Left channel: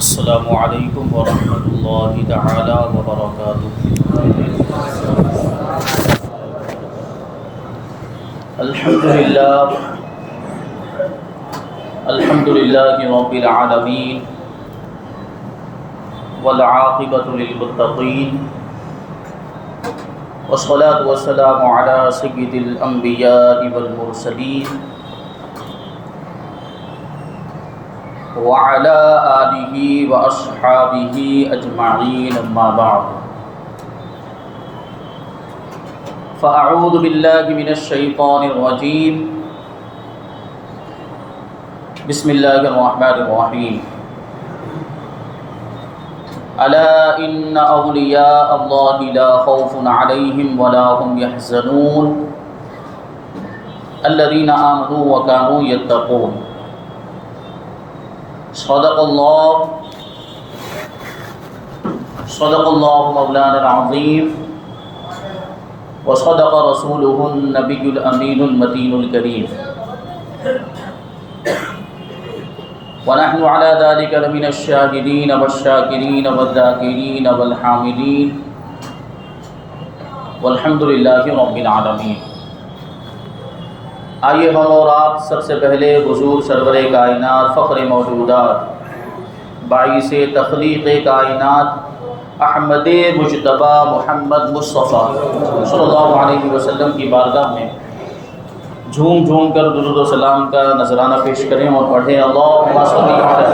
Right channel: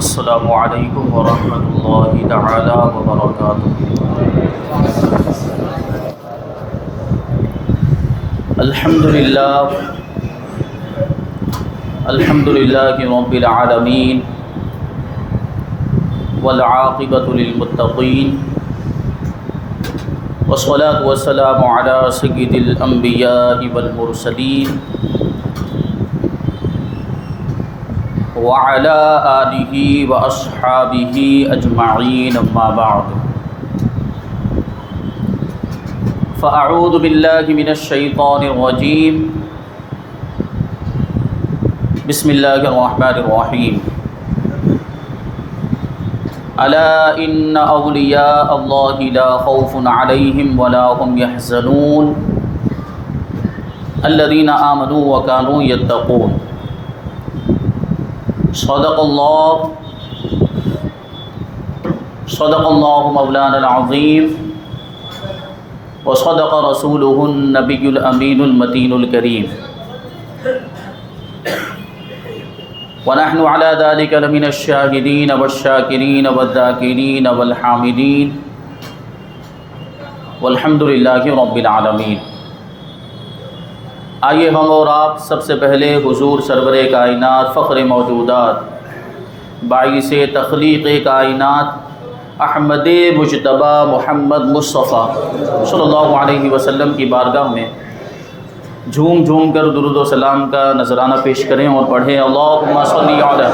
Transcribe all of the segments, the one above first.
السلام علیکم ورحمۃ اللہ تعالی وبرکاتہ۔ الحمدللہ رب العالمین والعاقبۃ للمتقین والصلاة والسلام علی سید الانبیاء والمرسلین وعلى آلہ واصحابہ اجمعین، اما بعد فاعوذ باللہ من الشیطان الرجیم، بسم اللہ الرحمن الرحیم۔ الا ان اولیاء اللہ لا خوف علیہم ولا هم يحزنون الذین آمنوا وكانوا يتقون۔ صدق اللہ مولانا العظیم وصدق رسولہ النبی الامین المتین الکریم، ونحن على ذلك لمن الشاهدین والشاکرین والذاکرین والحامدین والحمد للہ رب العالمین۔ آئیے ہم اور آپ سب سے پہلے حضور سرور کائنات، فخر موجودات، باعث تخلیق کائنات احمد مجتبی محمد مصطفیٰ صلی اللہ علیہ وسلم کی بارگاہ میں جھوم جھوم کر درود و سلام کا نذرانہ پیش کریں اور پڑھیں، اللہم صلی علی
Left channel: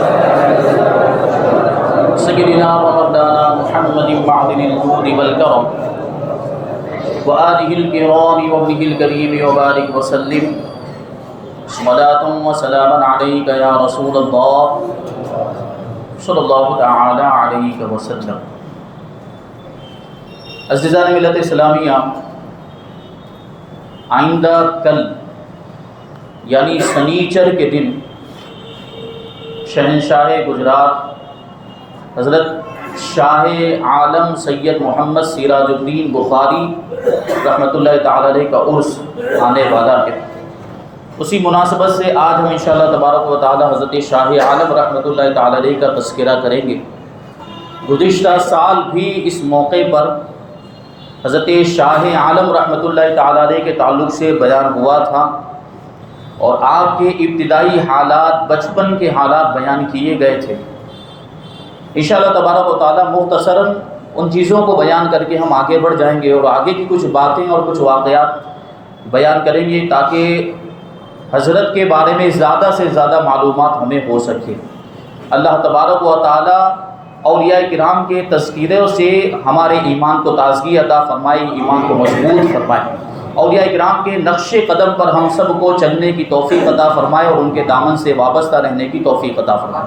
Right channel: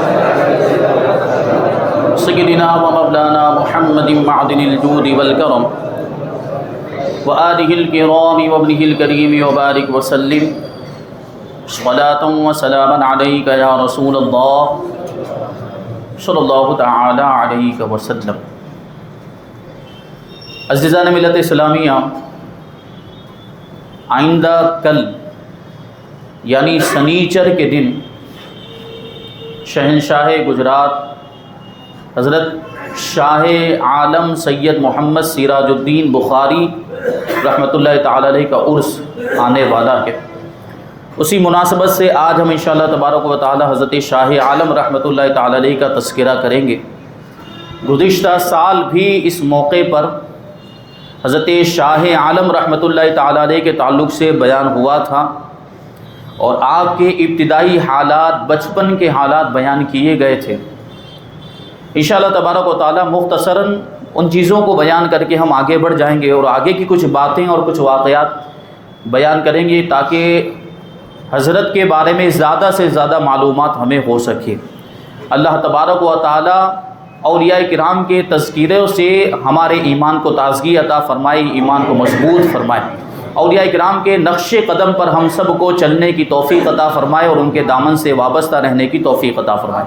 سیدنا و مولانا محمد معدن الجود والکرم وآلہ الکرام وابنہ الکریم وبارک وسلم، صلاۃ و سلاما علیک یا رسول اللہ صلی اللہ تعالی علیہ وسلم۔ عزیزان ملت اسلامیہ، آئندہ کل یعنی سنیچر کے دن شہنشاہ گجرات حضرت شاہ عالم سید محمد سراج الدین بخاری رحمۃ اللہ تعالی علیہ کا عرس آنے والا ہے۔ اسی مناسبت سے آج ہم انشاءاللہ تبارک و تعالی حضرت شاہ عالم رحمۃ اللہ تعالی علیہ کا تذکرہ کریں گے۔ گزشتہ سال بھی اس موقع پر حضرت شاہ عالم رحمۃ اللہ تعالی علیہ کے تعلق سے بیان ہوا تھا اور آپ کے ابتدائی حالات، بچپن کے حالات بیان کیے گئے تھے۔ انشاءاللہ تبارک و تعالی مختصراً ان چیزوں کو بیان کر کے ہم آگے بڑھ جائیں گے اور آگے کی کچھ باتیں اور کچھ واقعات بیان کریں گے تاکہ حضرت کے بارے میں زیادہ سے زیادہ معلومات ہمیں ہو سکے۔ اللہ تبارک و تعالی اولیاء کرام کے تذکیروں سے ہمارے ایمان کو تازگی عطا فرمائے، ایمان کو مضبوط فرمائے، اولیاء کرام کے نقش قدم پر ہم سب کو چلنے کی توفیق عطا فرمائے اور ان کے دامن سے وابستہ رہنے کی توفیق عطا فرمائے۔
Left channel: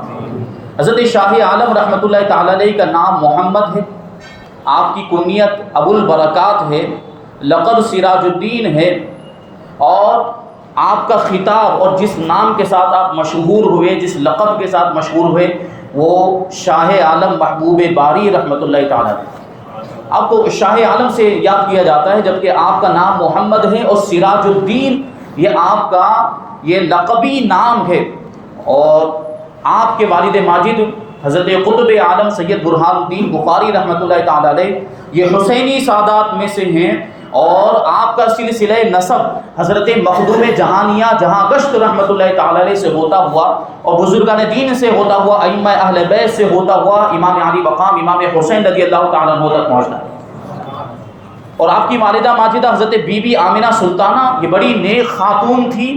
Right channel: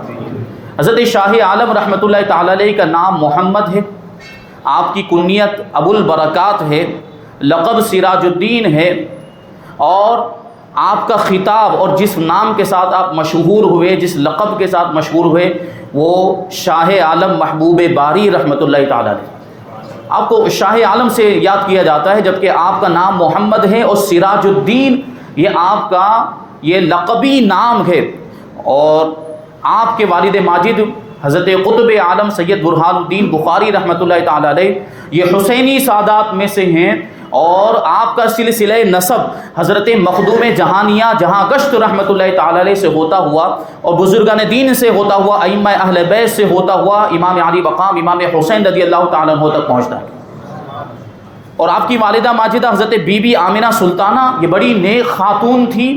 حضرت شاہ عالم رحمۃ اللہ تعالی علیہ کا نام محمد ہے، آپ کی کنیت ابو البرکات ہے، لقب سراج الدین ہے، اور آپ کا خطاب اور جس نام کے ساتھ آپ مشہور ہوئے، جس لقب کے ساتھ مشہور ہوئے، وہ شاہ عالم محبوب باری رحمۃ اللہ تعالی علیہ۔ آپ کو شاہ عالم سے یاد کیا جاتا ہے، جبکہ آپ کا نام محمد ہے اور سراج الدین یہ آپ کا یہ لقبی نام ہے۔ اور آپ کے والد ماجد حضرت قطب عالم سید برہان الدین بخاری رحمۃ اللہ تعالی علیہ یہ حسینی سادات میں سے ہیں، اور آپ کا سلسلہ نسب حضرت مخدوم جہانیہ جہاں گشت رحمۃ اللہ تعالی علیہ سے ہوتا ہوا اور بزرگان دین سے ہوتا ہوا، ائمہ اہل بیت سے ہوتا ہوا امام علی مقام امام حسین رضی اللہ تعالیٰ عنہ تک پہنچتا ہے۔ اور آپ کی والدہ ماجدہ حضرت بی بی آمنہ سلطانہ یہ بڑی نیک خاتون تھی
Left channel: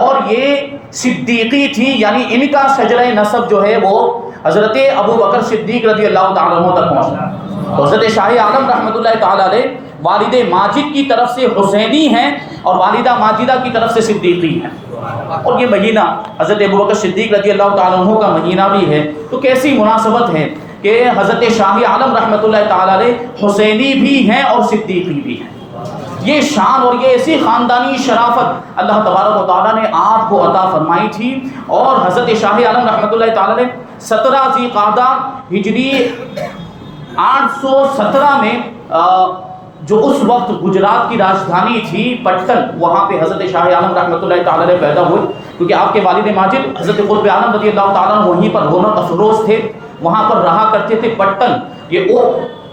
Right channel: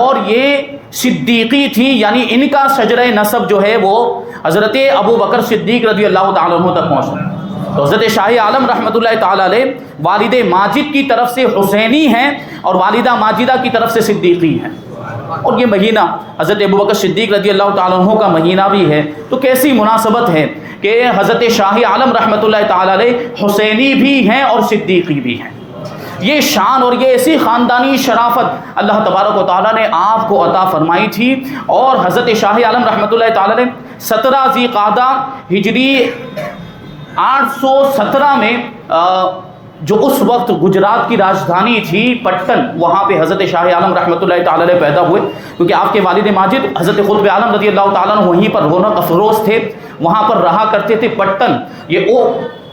اور یہ صدیقی تھی، یعنی ان کا شجرہ نسب جو ہے وہ حضرت ابو بکر صدیق رضی اللہ تعالیٰ عنہ تک پہنچتا ہے۔ تو حضرت شاہ عالم رحمۃ اللہ تعالی علیہ والد ماجد کی طرف سے حسینی ہیں اور والدہ ماجدہ کی طرف سے صدیقی ہیں، اور یہ مہینہ حضرت ابو بکر صدیق رضی اللہ تعالیٰ عنہ کا مہینہ بھی ہے۔ تو کیسی مناسبت ہے کہ حضرت شاہ عالم رحمۃ اللہ تعالی علیہ حسینی بھی ہیں اور صدیقی بھی ہیں۔ یہ شان اور یہ ایسی خاندانی شرافت اللہ تبارک و تعالیٰ نے آپ کو عطا فرمائی تھی، اور حضرت شاہ عالم رحمۃ اللہ تعالی علیہ 17 ذی قعدہ ہجری 817 میں جو اس وقت گجرات کی راجدھانی تھی پٹن، وہاں پہ حضرت شاہ عالم رحمۃ اللہ تعالی علیہ پیدا ہوئے، کیونکہ آپ کے والد ماجد حضرت قطب عالم رضی اللہ تعالیٰ عنہ وہیں پر رونق افروز تھے، وہاں پر رہا کرتے تھے پٹن. یہ وہ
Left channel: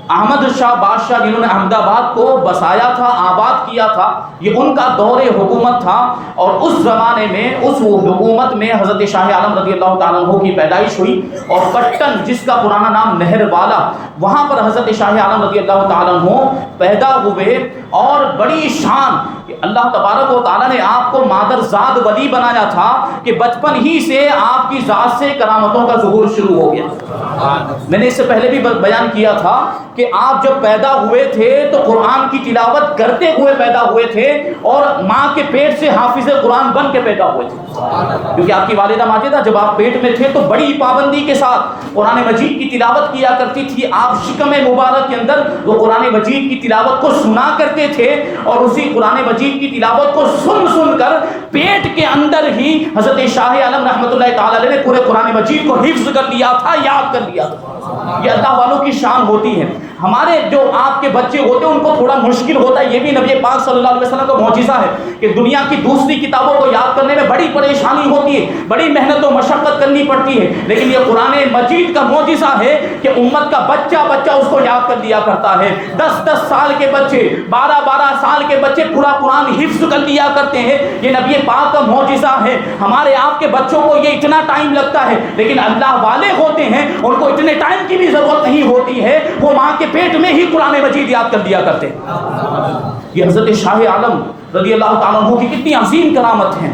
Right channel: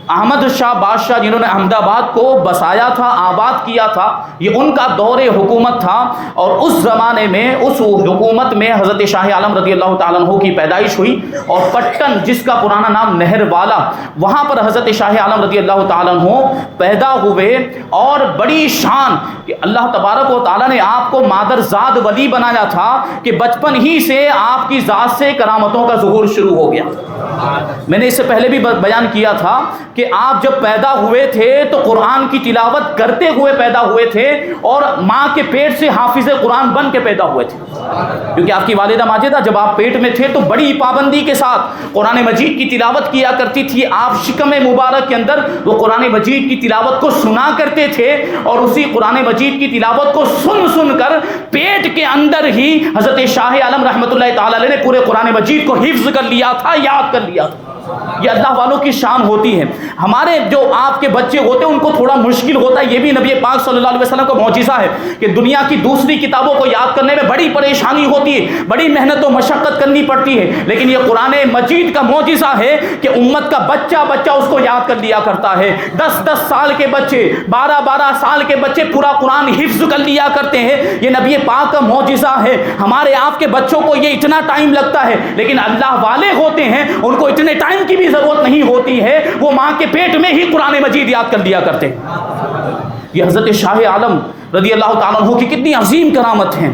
احمد شاہ بادشاہ جنہوں نے احمد آباد کو بسایا تھا، آباد کیا تھا، یہ ان کا دور حکومت تھا. اور اس زمانے میں اس حکومت میں حضرت شاہ عالم رضی اللہ تعالیٰ عنہ کی پیدائش ہوئی. اور پٹن جس کا پرانا نام نہر والا، وہاں پر حضرت شاہ عالم رضی اللہ تعالیٰ عنہ پیدا ہوئے. اور بڑی شان کہ اللہ تبارک و تعالیٰ نے آپ کو مادرزاد ولی بنایا تھا کہ بچپن ہی سے آپ کی ذات سے کرامتوں کا ظہور شروع ہو گیا. میں نے اس سے پہلے بھی بیان کیا تھا کہ آپ جب پیدا ہوئے تھے تو قرآن کی تلاوت کرتے ہوئے پیدا ہوئے تھے اور ماں کے پیٹ سے حافظ قرآن بن کے پیدا ہوئے تھے. کیونکہ آپ کی والدہ ماجدہ جب آپ پیٹ میں تھے تو بڑی پابندی کے ساتھ قرآن مجید کی تلاوت کیا کرتی تھی. آپ شکم مبارک کے اندر وہ قرآن مجید کی تلاوت کو سنا کرتے تھے اور اسی قرآن مجید کی تلاوت کو سن سن کر پیٹ کے اندر ہی حضرت شاہ عالم رحمۃ اللہ تعالیٰ علیہ نے پورے قرآن مجید کو حفظ کر لیا تھا، یاد کر لیا تھا. یہ اللہ والوں کی شان ہوتی ہے. ہمارے جو آپ کے بچے ہوتے ہیں ان کو تھوڑا مشکل ہوتا ہے. یہ بھی نبی پاک صلی اللہ علیہ وسلم کا معجزہ ہے کہ دنیا کی دوسری کتابوں کو یاد کرنے میں بڑی پریشانی ہوتی ہے، بڑی محنت و مشقت کرنی پڑتی ہے. لیکن یہ قرآن مجید کا معجزہ ہے کہ امت کا بچہ بچہ اس کو یاد کر لیا کرتا ہے. 10 سال کے بچے، 12 سال کے بچے پورا قرآن حفظ کر لیا کرتے ہیں. یہ نبی پاک کا معجزہ ہے. ہمارے آپ کے بچوں کو یہ اتنا ٹائم لگتا ہے، لیکن اللہ والے ہوتے ہیں ان کو اتنے ٹائم کی بھی ضرورت نہیں ہوتی ہے. وہ ماں کے پیٹ میں ہی قرآن مجید یاد کر دیا کرتے ہیں. یہ حضرت شاہ عالم رضی اللہ تعالیٰ عنہ کی کتنی عظیم کرامت ہیں.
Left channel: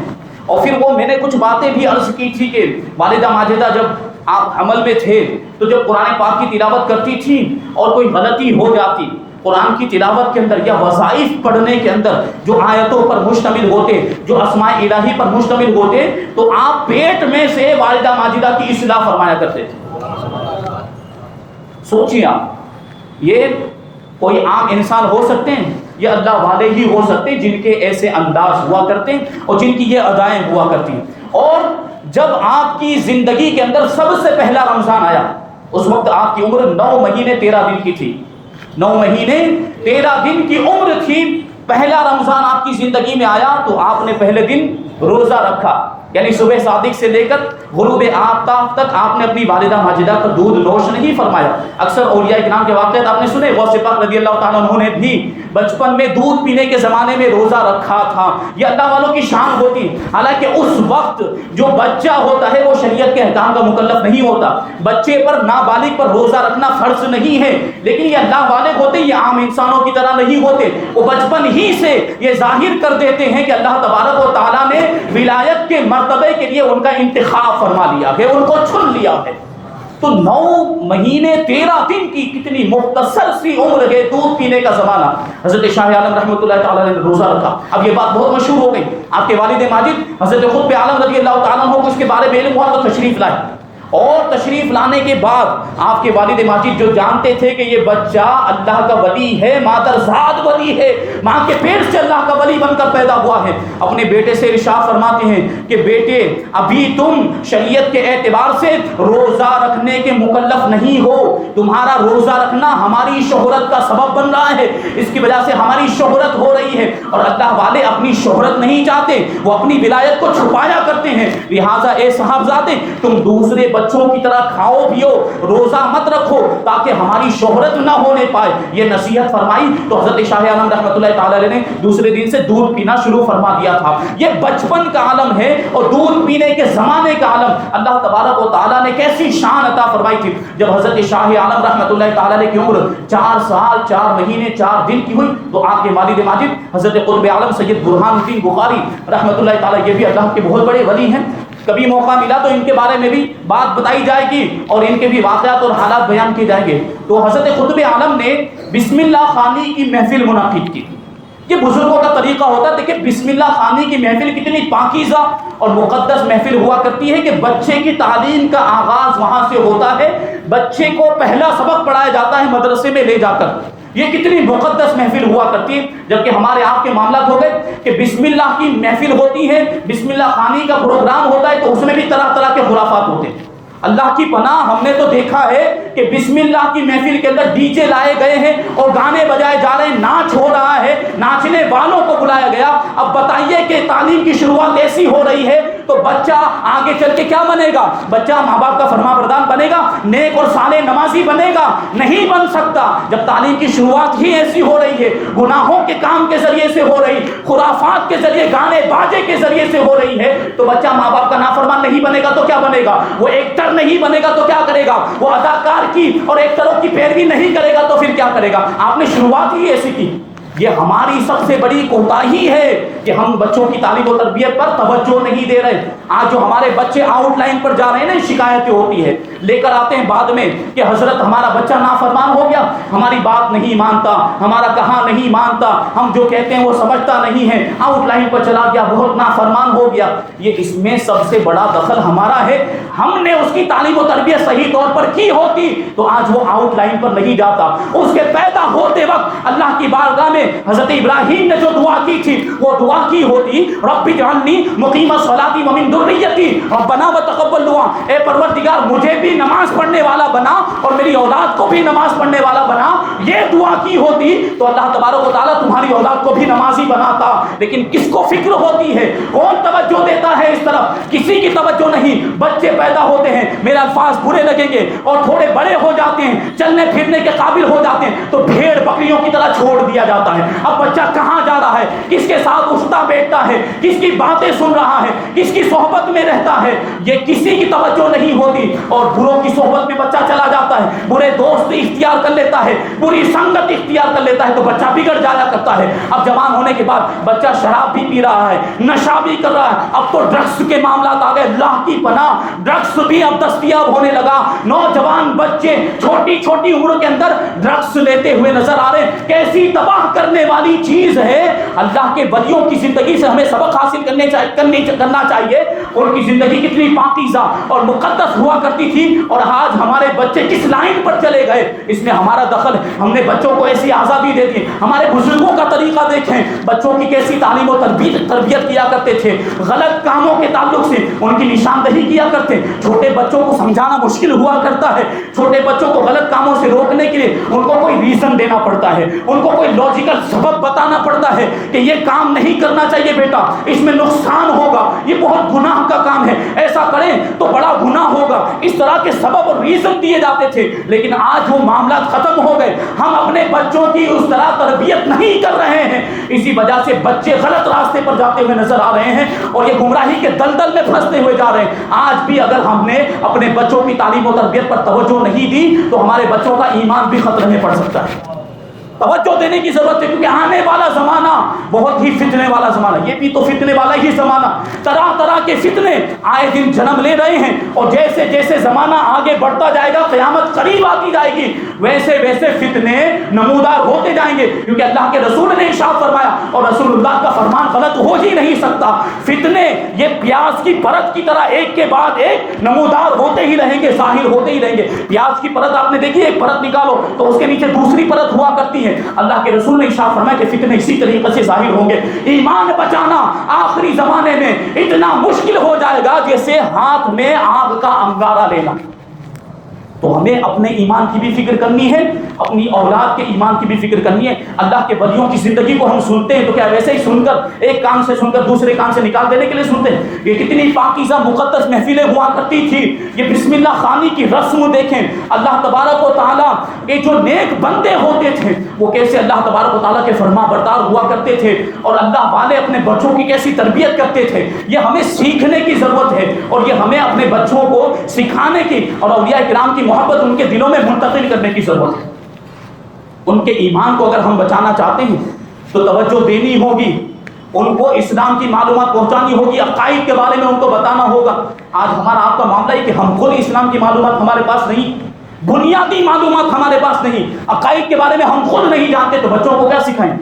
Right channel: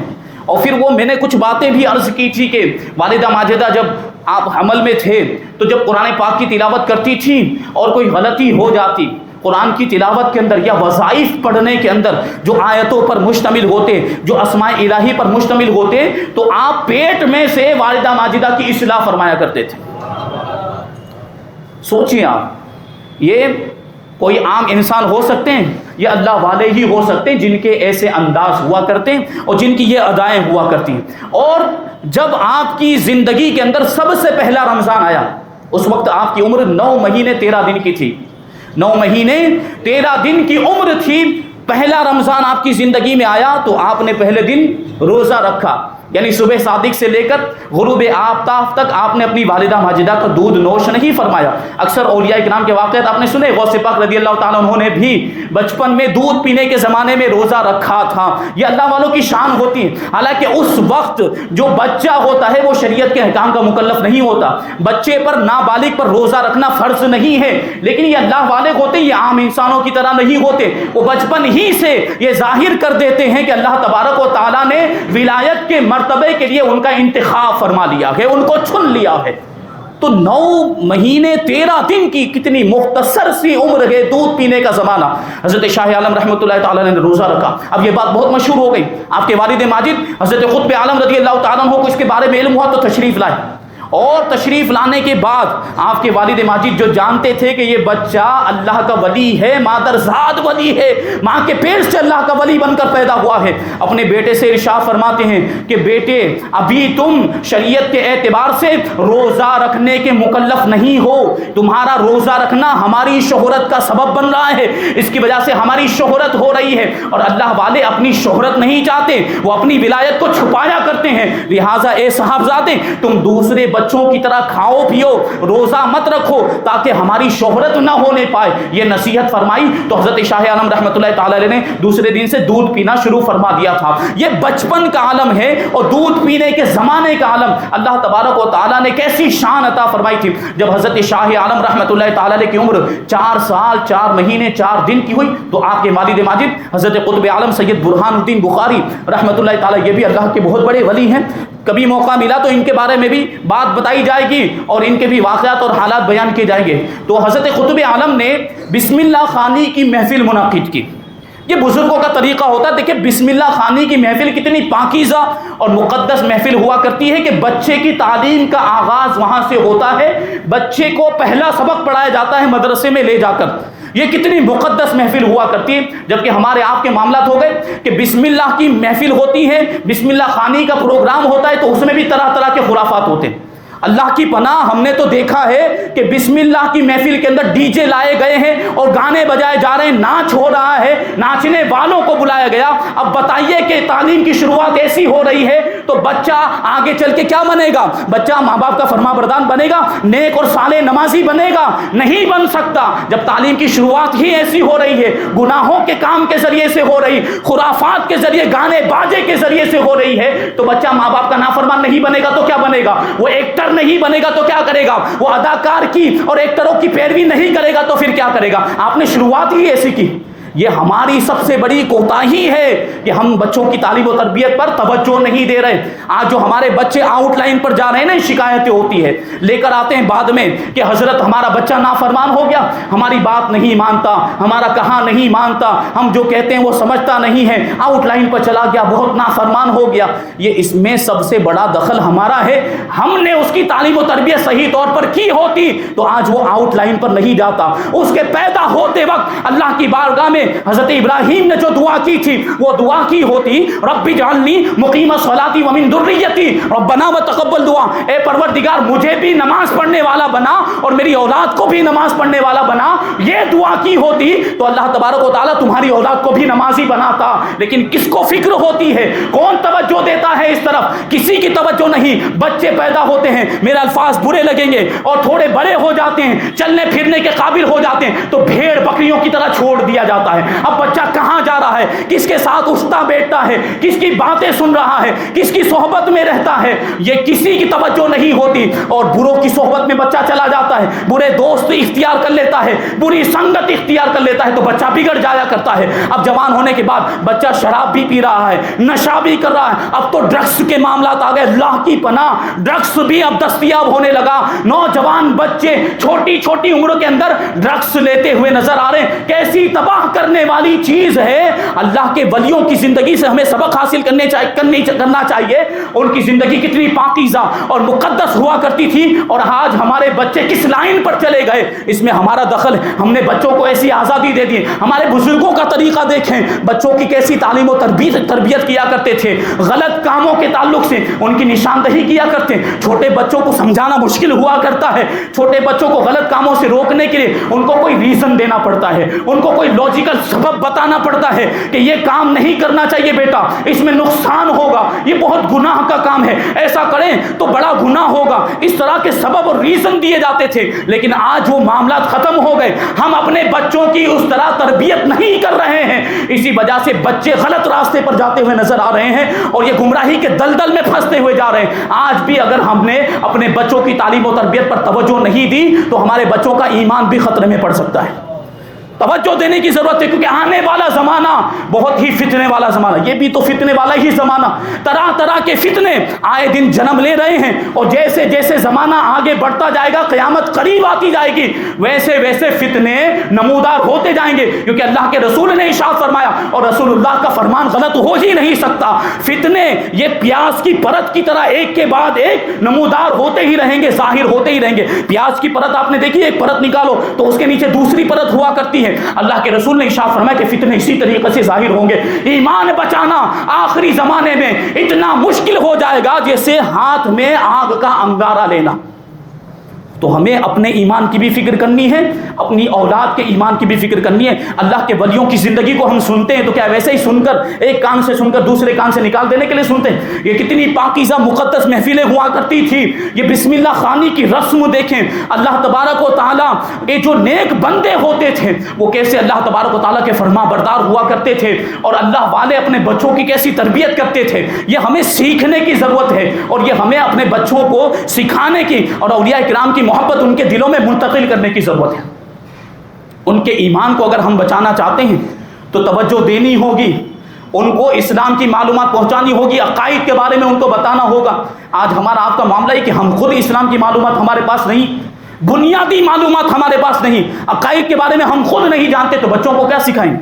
اور پھر وہ میں نے کچھ باتیں بھی عرض کی تھی کہ والدہ ماجدہ جب آپ حمل میں تھے تو جب قرآن پاک کی تلاوت کرتی تھی اور کوئی غلطی ہو جاتی قرآن کی تلاوت کے اندر یا وظائف پڑھنے کے اندر جو آیتوں پر مشتمل ہوتے، جو اسماء الہی پر مشتمل ہوتے، تو آپ پیٹ میں سے والدہ ماجدہ کی اصلاح فرمایا کرتے تھے. سوچیے آپ، یہ کوئی عام انسان ہو سکتے ہیں یا اللہ والے ہی ہو سکتے ہیں جن کے ایسے انداز ہوا کرتے ہیں اور جن کی یہ ادائیں ہوا کرتی ہیں. اور جب آپ کی زندگی کے اندر سب سے پہلا رمضان آیا، اس وقت آپ کی عمر 9 مہینے 13 دن کی تھی. 9 مہینے 13 دن کی عمر تھی. پہلا رمضان آپ کی زندگی میں آیا تو آپ نے پہلے دن روزہ رکھا. یعنی صبح صادق سے لے کر غروب آفتاب تک آپ نے اپنی والدہ ماجدہ کا دودھ نوش نہیں فرمایا. اکثر اولیاء کرام کے واقعات آپ نے سنے. غوث پاک رضی اللہ تعالیٰ عنہ نے بھی بچپن میں دودھ پینے کے زمانے میں روزہ رکھا تھا. یہ اللہ والوں کی شان ہوتی ہے. حالانکہ اس وقت جو بچہ ہوتا ہے وہ شریعت کے احکام کا مکلف نہیں ہوتا. بچے پر نابالغ پر روزہ رکھنا فرض نہیں ہے. لیکن یہ اللہ والے ہوتے، یہ عام انسانوں کی طرح نہیں ہوتے. وہ بچپن ہی سے یہ ظاہر کر دیتے ہیں کہ اللہ تبارک و تعالیٰ نے ولایت کے مرتبے کے لیے ان کا انتخاب فرما لیا ہے، ان کو چن لیا ہے. تو 9 مہینے 13 دن کی کتنی مختصر سی عمر ہے، دودھ پینے کا زمانہ. حضرت شاہ عالم رحمۃ اللہ تعالیٰ نے روزہ رکھا. اب یہ بات بہت مشہور ہو گئی. آپ کے والد ماجد حضرت قطب عالم رضی اللہ تعالیٰ عنہ کو اس کے بارے میں علم ہوا تو تشریف لائے. اور تشریف لانے کے بعد آپ کے والد ماجد جو جانتے تھے کہ یہ بچہ اللہ کا ولی ہے، مادرزاد ولی ہے، ماں کے پیٹ سے اللہ کا ولی بن کر پیدا ہوا ہے، اپنے بیٹے سے ارشاد فرماتے ہیں کہ بیٹے ابھی تم شریعت کے اعتبار سے روزہ رکھنے کے مکلف نہیں ہو. تمہارا روزہ رکھنا ہماری شہرت کا سبب بن رہا ہے، اس کی وجہ سے ہماری شہرت ہو رہی ہے. اور اللہ والے اپنی شہرت نہیں چاہتے، وہ اپنی ولایت کو چھپایا کرتے ہیں. لہٰذا اے صاحبزادے تم دوسرے بچوں کی طرح کھاؤ پیو، روزہ مت رکھو تاکہ ہماری شہرت نہ ہونے پائے. یہ نصیحت فرمائی تو حضرت شاہ عالم رحمۃ اللہ تعالیٰ علیہ نے دوسرے دن سے دودھ پینا شروع فرما دیا تھا. یہ بچپن کا عالم ہے اور دودھ پینے کے زمانے کا عالم. اللہ تبارک و تعالیٰ نے کیسی شان عطا فرمائی تھی. جب حضرت شاہ عالم رحمۃ اللہ تعالیٰ علیہ کی عمر 4 سال 4 مہینے 4 دن کی ہوئی تو آپ کے والد ماجد حضرت قطب عالم سید برہان الدین بخاری رحمۃ اللہ تعالیٰ، یہ بھی اللہ کے بہت بڑے ولی ہیں. کبھی موقع ملا تو ان کے بارے میں بھی بات بتائی جائے گی اور ان کے بھی واقعات اور حالات بیان کیے جائیں گے. تو حضرت قطب عالم نے بسم اللہ خوانی کی محفل منعقد کی. یہ بزرگوں کا طریقہ ہوتا ہے. دیکھیں بسم اللہ خوانی کی محفل کتنی پاکیزہ اور مقدس محفل ہوا کرتی ہے کہ بچے کی تعلیم کا آغاز وہاں سے ہوتا ہے. بچے کو پہلا سبق پڑھایا جاتا ہے مدرسے میں لے جا کر. یہ کتنی مقدس محفل ہوا کرتی ہے. جبکہ ہمارے آپ کے معاملات ہو گئے کہ بسم اللہ کی محفل ہوتی ہے، بسم اللہ خوانی کا پروگرام ہوتا ہے تو اس میں بھی طرح طرح کے خرافات ہوتے ہیں. اللہ کی پناہ ہم نے تو دیکھا ہے کہ بسم اللہ کی محفل کے اندر ڈی جے لائے گئے ہیں اور گانے بجائے جا رہے ہیں، ناچ ہو رہا ہے، ناچنے والوں کو بلایا گیا. اب بتائیے کہ تعلیم کی شروعات ایسی ہو رہی ہے تو بچہ آگے چل کے کیا بنے گا؟ بچہ ماں باپ کا فرما بردار بنے گا، نیک اور صالح نمازی بنے گا؟ نہیں بن سکتا۔ جب تعلیم کی شروعات ہی ایسی ہو رہی ہے، گناہوں کے کام کے ذریعے سے ہو رہی، خرافات کے ذریعے، گانے باجے کے ذریعے سے ہو رہی ہے، تو بچہ ماں باپ کا نافرمان نہیں بنے گا تو کیا بنے گا؟ وہ ایکٹر نہیں بنے گا تو کیا کرے گا؟ وہ اداکار کی اور ایکٹروں کی پیروی نہیں کرے گا تو پھر کیا کرے گا؟ آپ نے شروعات ہی ایسی کی۔ یہ ہماری سب سے بڑی کوتاہی ہے کہ ہم بچوں کی تعلیم و تربیت پر توجہ نہیں دے رہے۔ آج جو ہمارے بچے آؤٹ لائن پر جا رہے ہیں نا، شکایتیں ہوتی ہے، لے کر آتے ہیں بعد میں کہ حضرت ہمارا بچہ نافرمان ہو گیا، ہماری بات نہیں مانتا، ہمارا کہاں نہیں مانتا، ہم جو کہتے ہیں وہ سمجھتا نہیں ہے، آؤٹ لائن پر چلا گیا، بہت نافرمان ہو گیا۔ یہ اس میں سب سے بڑا دخل ہمارا ہے۔ ہم نے اس کی تعلیم و تربیت صحیح طور پر کی ہوتی تو آج وہ آؤٹ لائن پر نہیں جاتا۔ اس کے پیدا ہوتے وقت اللہ کی بارگاہ میں حضرت ابراہیم نے جو دعا کی تھی، وہ دعا کی ہوتی رب اجعلنی مقیم الصلاۃ ومن ذریتی ربنا وتقبل دعا، اے پروردگار مجھے بھی نماز پڑھنے والا بنا اور میری اولاد کو بھی نماز پڑھنے والا بنا۔ یہ دعا کی ہوتی تو اللہ تبارک و تعالیٰ تمہاری اولاد کو بھی نمازی بناتا۔ لیکن کس کو فکر ہوتی ہے؟ کون توجہ دیتا ہے اس طرف؟ کسی کی توجہ نہیں۔ بچے پیدا ہوتے ہیں، میرے الفاظ برے لگیں گے، اور تھوڑے بڑے ہو جاتے ہیں، چلنے پھرنے کے قابل ہو جاتے ہیں تو بھیڑ بکریوں کی طرح چھوڑ دیا جاتا ہے۔ اب بچہ کہاں جا رہا ہے، کس کے ساتھ اٹھتا بیٹھتا ہے، کس کی باتیں سن رہا ہے، کس کی صحبت میں رہتا ہے، یہ کسی کی توجہ نہیں ہوتی۔ اور بروں کی صحبت میں بچہ چلا جاتا ہے، برے دوست اختیار کر لیتا ہے، بری سنگت اختیار کر لیتا ہے تو بچہ بگڑ جایا کرتا ہے۔ اب جوان ہونے کے بعد بچہ شراب بھی پی رہا ہے، نشہ بھی کر رہا ہے، اب تو ڈرگس کے معاملات آ گئے، اللہ کی پناہ ڈرگس بھی اب دستیاب ہونے لگا۔ نوجوان بچے چھوٹی چھوٹی عمر کے اندر ڈرگس لیتے ہوئے نظر آ رہے ہیں۔ کیسی تباہ کرنے والی چیز ہے۔ اللہ کے ولیوں کی زندگی سے ہمیں سبق حاصل کرنا چاہیے۔ ان کی زندگی کتنی پاکیزہ اور مقدس ہوا کرتی تھی، اور آج ہمارے بچے کس لائن پر چلے گئے، اس میں ہمارا دخل ہے۔ ہم نے بچوں کو ایسی آزادی دے دی۔ ہمارے بزرگوں کا طریقہ دیکھیں، بچوں کی کیسی تعلیم و تربیت کیا کرتے تھے، غلط کاموں کے تعلق سے ان کی نشاندہی کیا کرتے۔ چھوٹے بچوں کو سمجھانا مشکل ہوا کرتا ہے، چھوٹے بچوں کو غلط کاموں سے روکنے کے لیے ان کو کوئی ریزن دینا پڑتا ہے، ان کو کوئی لاجیکل سبب بتانا پڑتا ہے کہ یہ کام نہیں کرنا چاہیے بیٹا، اس میں نقصان ہوگا، یہ بہت گناہ کا کام ہے، ایسا کریں تو بڑا گناہ ہوگا۔ اس طرح کے سبب اور ریزن دیے جاتے تھے، لیکن آج وہ معاملات ختم ہو گئے۔ ہم اپنے بچوں کی اس طرح تربیت نہیں کر رہے ہیں، اسی وجہ سے بچے غلط راستے پر جاتے ہوئے نظر آ رہے ہیں اور یہ گمراہی کے دلدل میں پھنستے ہوئے جا رہے ہیں۔ آج بھی اگر ہم نے اپنے بچوں کی تعلیم و تربیت پر توجہ نہیں دی تو ہمارے بچوں کا ایمان بھی خطرے میں پڑ سکتا ہے۔ توجہ دینے کی ضرورت ہے، کیونکہ آنے والا زمانہ بہت ہی فتنے والا زمانہ، یہ بھی تو فتنے والا ہی زمانہ، طرح طرح کے فتنے آئے دن جنم لے رہے ہیں، اور جیسے جیسے زمانہ آگے بڑھتا جائے گا، قیامت قریب آتی جائے گی، ویسے ویسے فتنے نمودار ہوتے جائیں گے، کیونکہ اللہ کے رسول نے ارشاد فرمایا، اور رسول اللہ کا فرمان غلط ہو ہی نہیں سکتا، فتنے یہ پیاز کی پرت کی طرح ایک کے بعد ایک نمودار ہوتے ہی رہیں گے، ظاہر ہوتے ہی رہیں گے۔ پیاز کی پرت آپ نے دیکھی، ایک پرت نکالو تو اس کے نیچے دوسری پرت ہوا کرتی ہے۔ اللہ کے رسول نے ارشاد فرمایا کہ فتنے اسی طریقے سے ظاہر ہوں گے۔ ایمان بچانا آخری زمانے میں اتنا مشکل ہو جائے گا جیسے ہاتھ میں آگ کا انگارہ لینا۔ تو ہمیں اپنے ایمان کی بھی فکر کرنی ہے، اپنی اولاد کے ایمان کی بھی فکر کرنی ہے۔ اللہ کے ولیوں کی زندگی کو ہم سنتے ہیں تو کیا ویسے ہی سن کر ایک کان سے سن کر دوسرے کان سے نکال دینے کے لیے سنتے ہیں؟ یہ کتنی پاکیزہ مقدس محفلیں ہوا کرتی تھی، یہ بسم اللہ خوانی کی رسم دیکھیں۔ اللہ تبارک و تعالیٰ یہ جو نیک بندے ہوتے تھے وہ کیسے اللہ تبارک و تعالیٰ کے فرما بردار ہوا کرتے تھے، اور اللہ والے اپنے بچوں کی کیسی تربیت کرتے تھے۔ یہ ہمیں سیکھنے کی ضرورت ہے، اور یہ ہمیں اپنے بچوں کو سکھانے کی اور اولیاء کرام کی محبت ان کے دلوں میں منتقل کرنے کی ضرورت ہے۔ ان کے ایمان کو اگر ہم بچانا چاہتے ہیں تو توجہ دینی ہوگی، ان کو اسلام کی معلومات پہنچانی ہوگی، عقائد کے بارے میں ان کو بتانا ہوگا۔ آج ہمارا آپ کا معاملہ ہے کہ ہم خود اسلام کی معلومات ہمارے پاس نہیں، بنیادی معلومات ہمارے پاس نہیں، عقائد کے بارے میں ہم خود نہیں جانتے تو بچوں کو کیا سکھائیں؟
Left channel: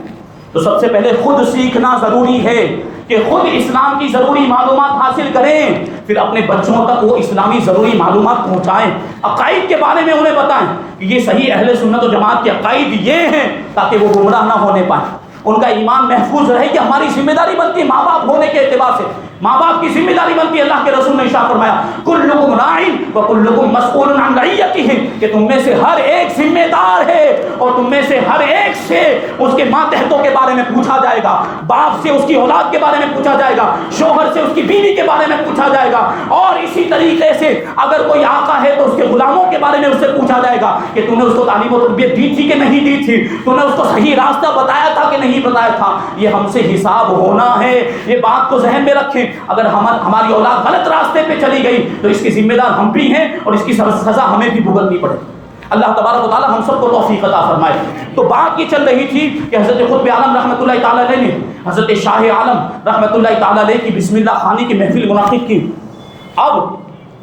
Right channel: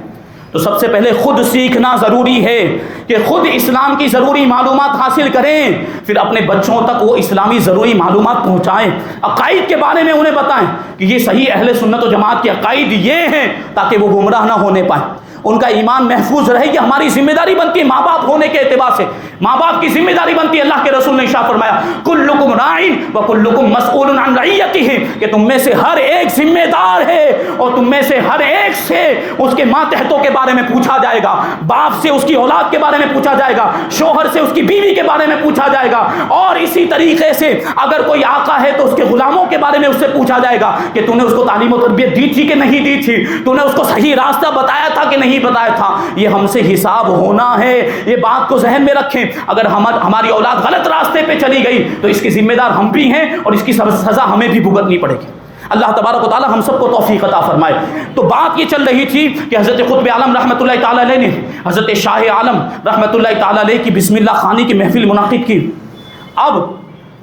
تو سب سے پہلے خود سیکھنا ضروری ہے کہ خود اسلام کی ضروری معلومات حاصل کریں، پھر اپنے بچوں تک وہ اسلامی ضروری معلومات پہنچائیں، عقائد کے بارے میں انہیں بتائیں کہ یہ صحیح اہل سنت و جماعت کے عقائد یہ ہیں، تاکہ وہ گمراہ نہ ہونے پائیں، ان کا ایمان محفوظ رہے۔ کہ ہماری ذمہ داری بنتی ہے ماں باپ ہونے کے اعتبار سے، ماں باپ کی ذمہ داری بنتی ہے۔ اللہ کے رسول نے ارشاد فرمایا کلکم راع وکلکم مسئول عن رعیتہ، کہ تم میں سے ہر ایک ذمہ دار ہے اور تو تم میں سے ہر ایک سے اس کے ماتحتوں کے بارے میں پوچھا جائے گا، باپ سے اس کی اولاد کے بارے میں پوچھا جائے گا، شوہر سے اس کی بیوی کے بارے میں پوچھا جائے گا، اور اسی طریقے سے اگر کوئی آقا ہے تو اس کے غلاموں کے بارے میں اس سے پوچھا جائے گا کہ تو نے اس کو تعلیم و تربیت دی تھی کہ نہیں دی تھی، تو نے اس کو صحیح راستہ بتایا تھا کہ نہیں بتایا تھا. یہ ہم سے حساب ہونا ہے. یہ بات کو ذہن میں رکھیں. اگر ہماری اولاد غلط راستے پہ چلی گئی تو اس کی ذمہ دار ہم بھی ہیں اور اس کی سزا ہمیں بھی بھگتنی پڑے گی. اللہ تبارک و تعالی ہم سب کو توفیق عطا فرمائے. تو بات یہ چل رہی تھی کہ حضرت قطب عالم رحمۃ اللہ تعالی علیہ نے حضرت شاہ عالم رحمۃ اللہ تعالی علیہ کی بسم اللہ خوانی کی محفل منعقد کی. اب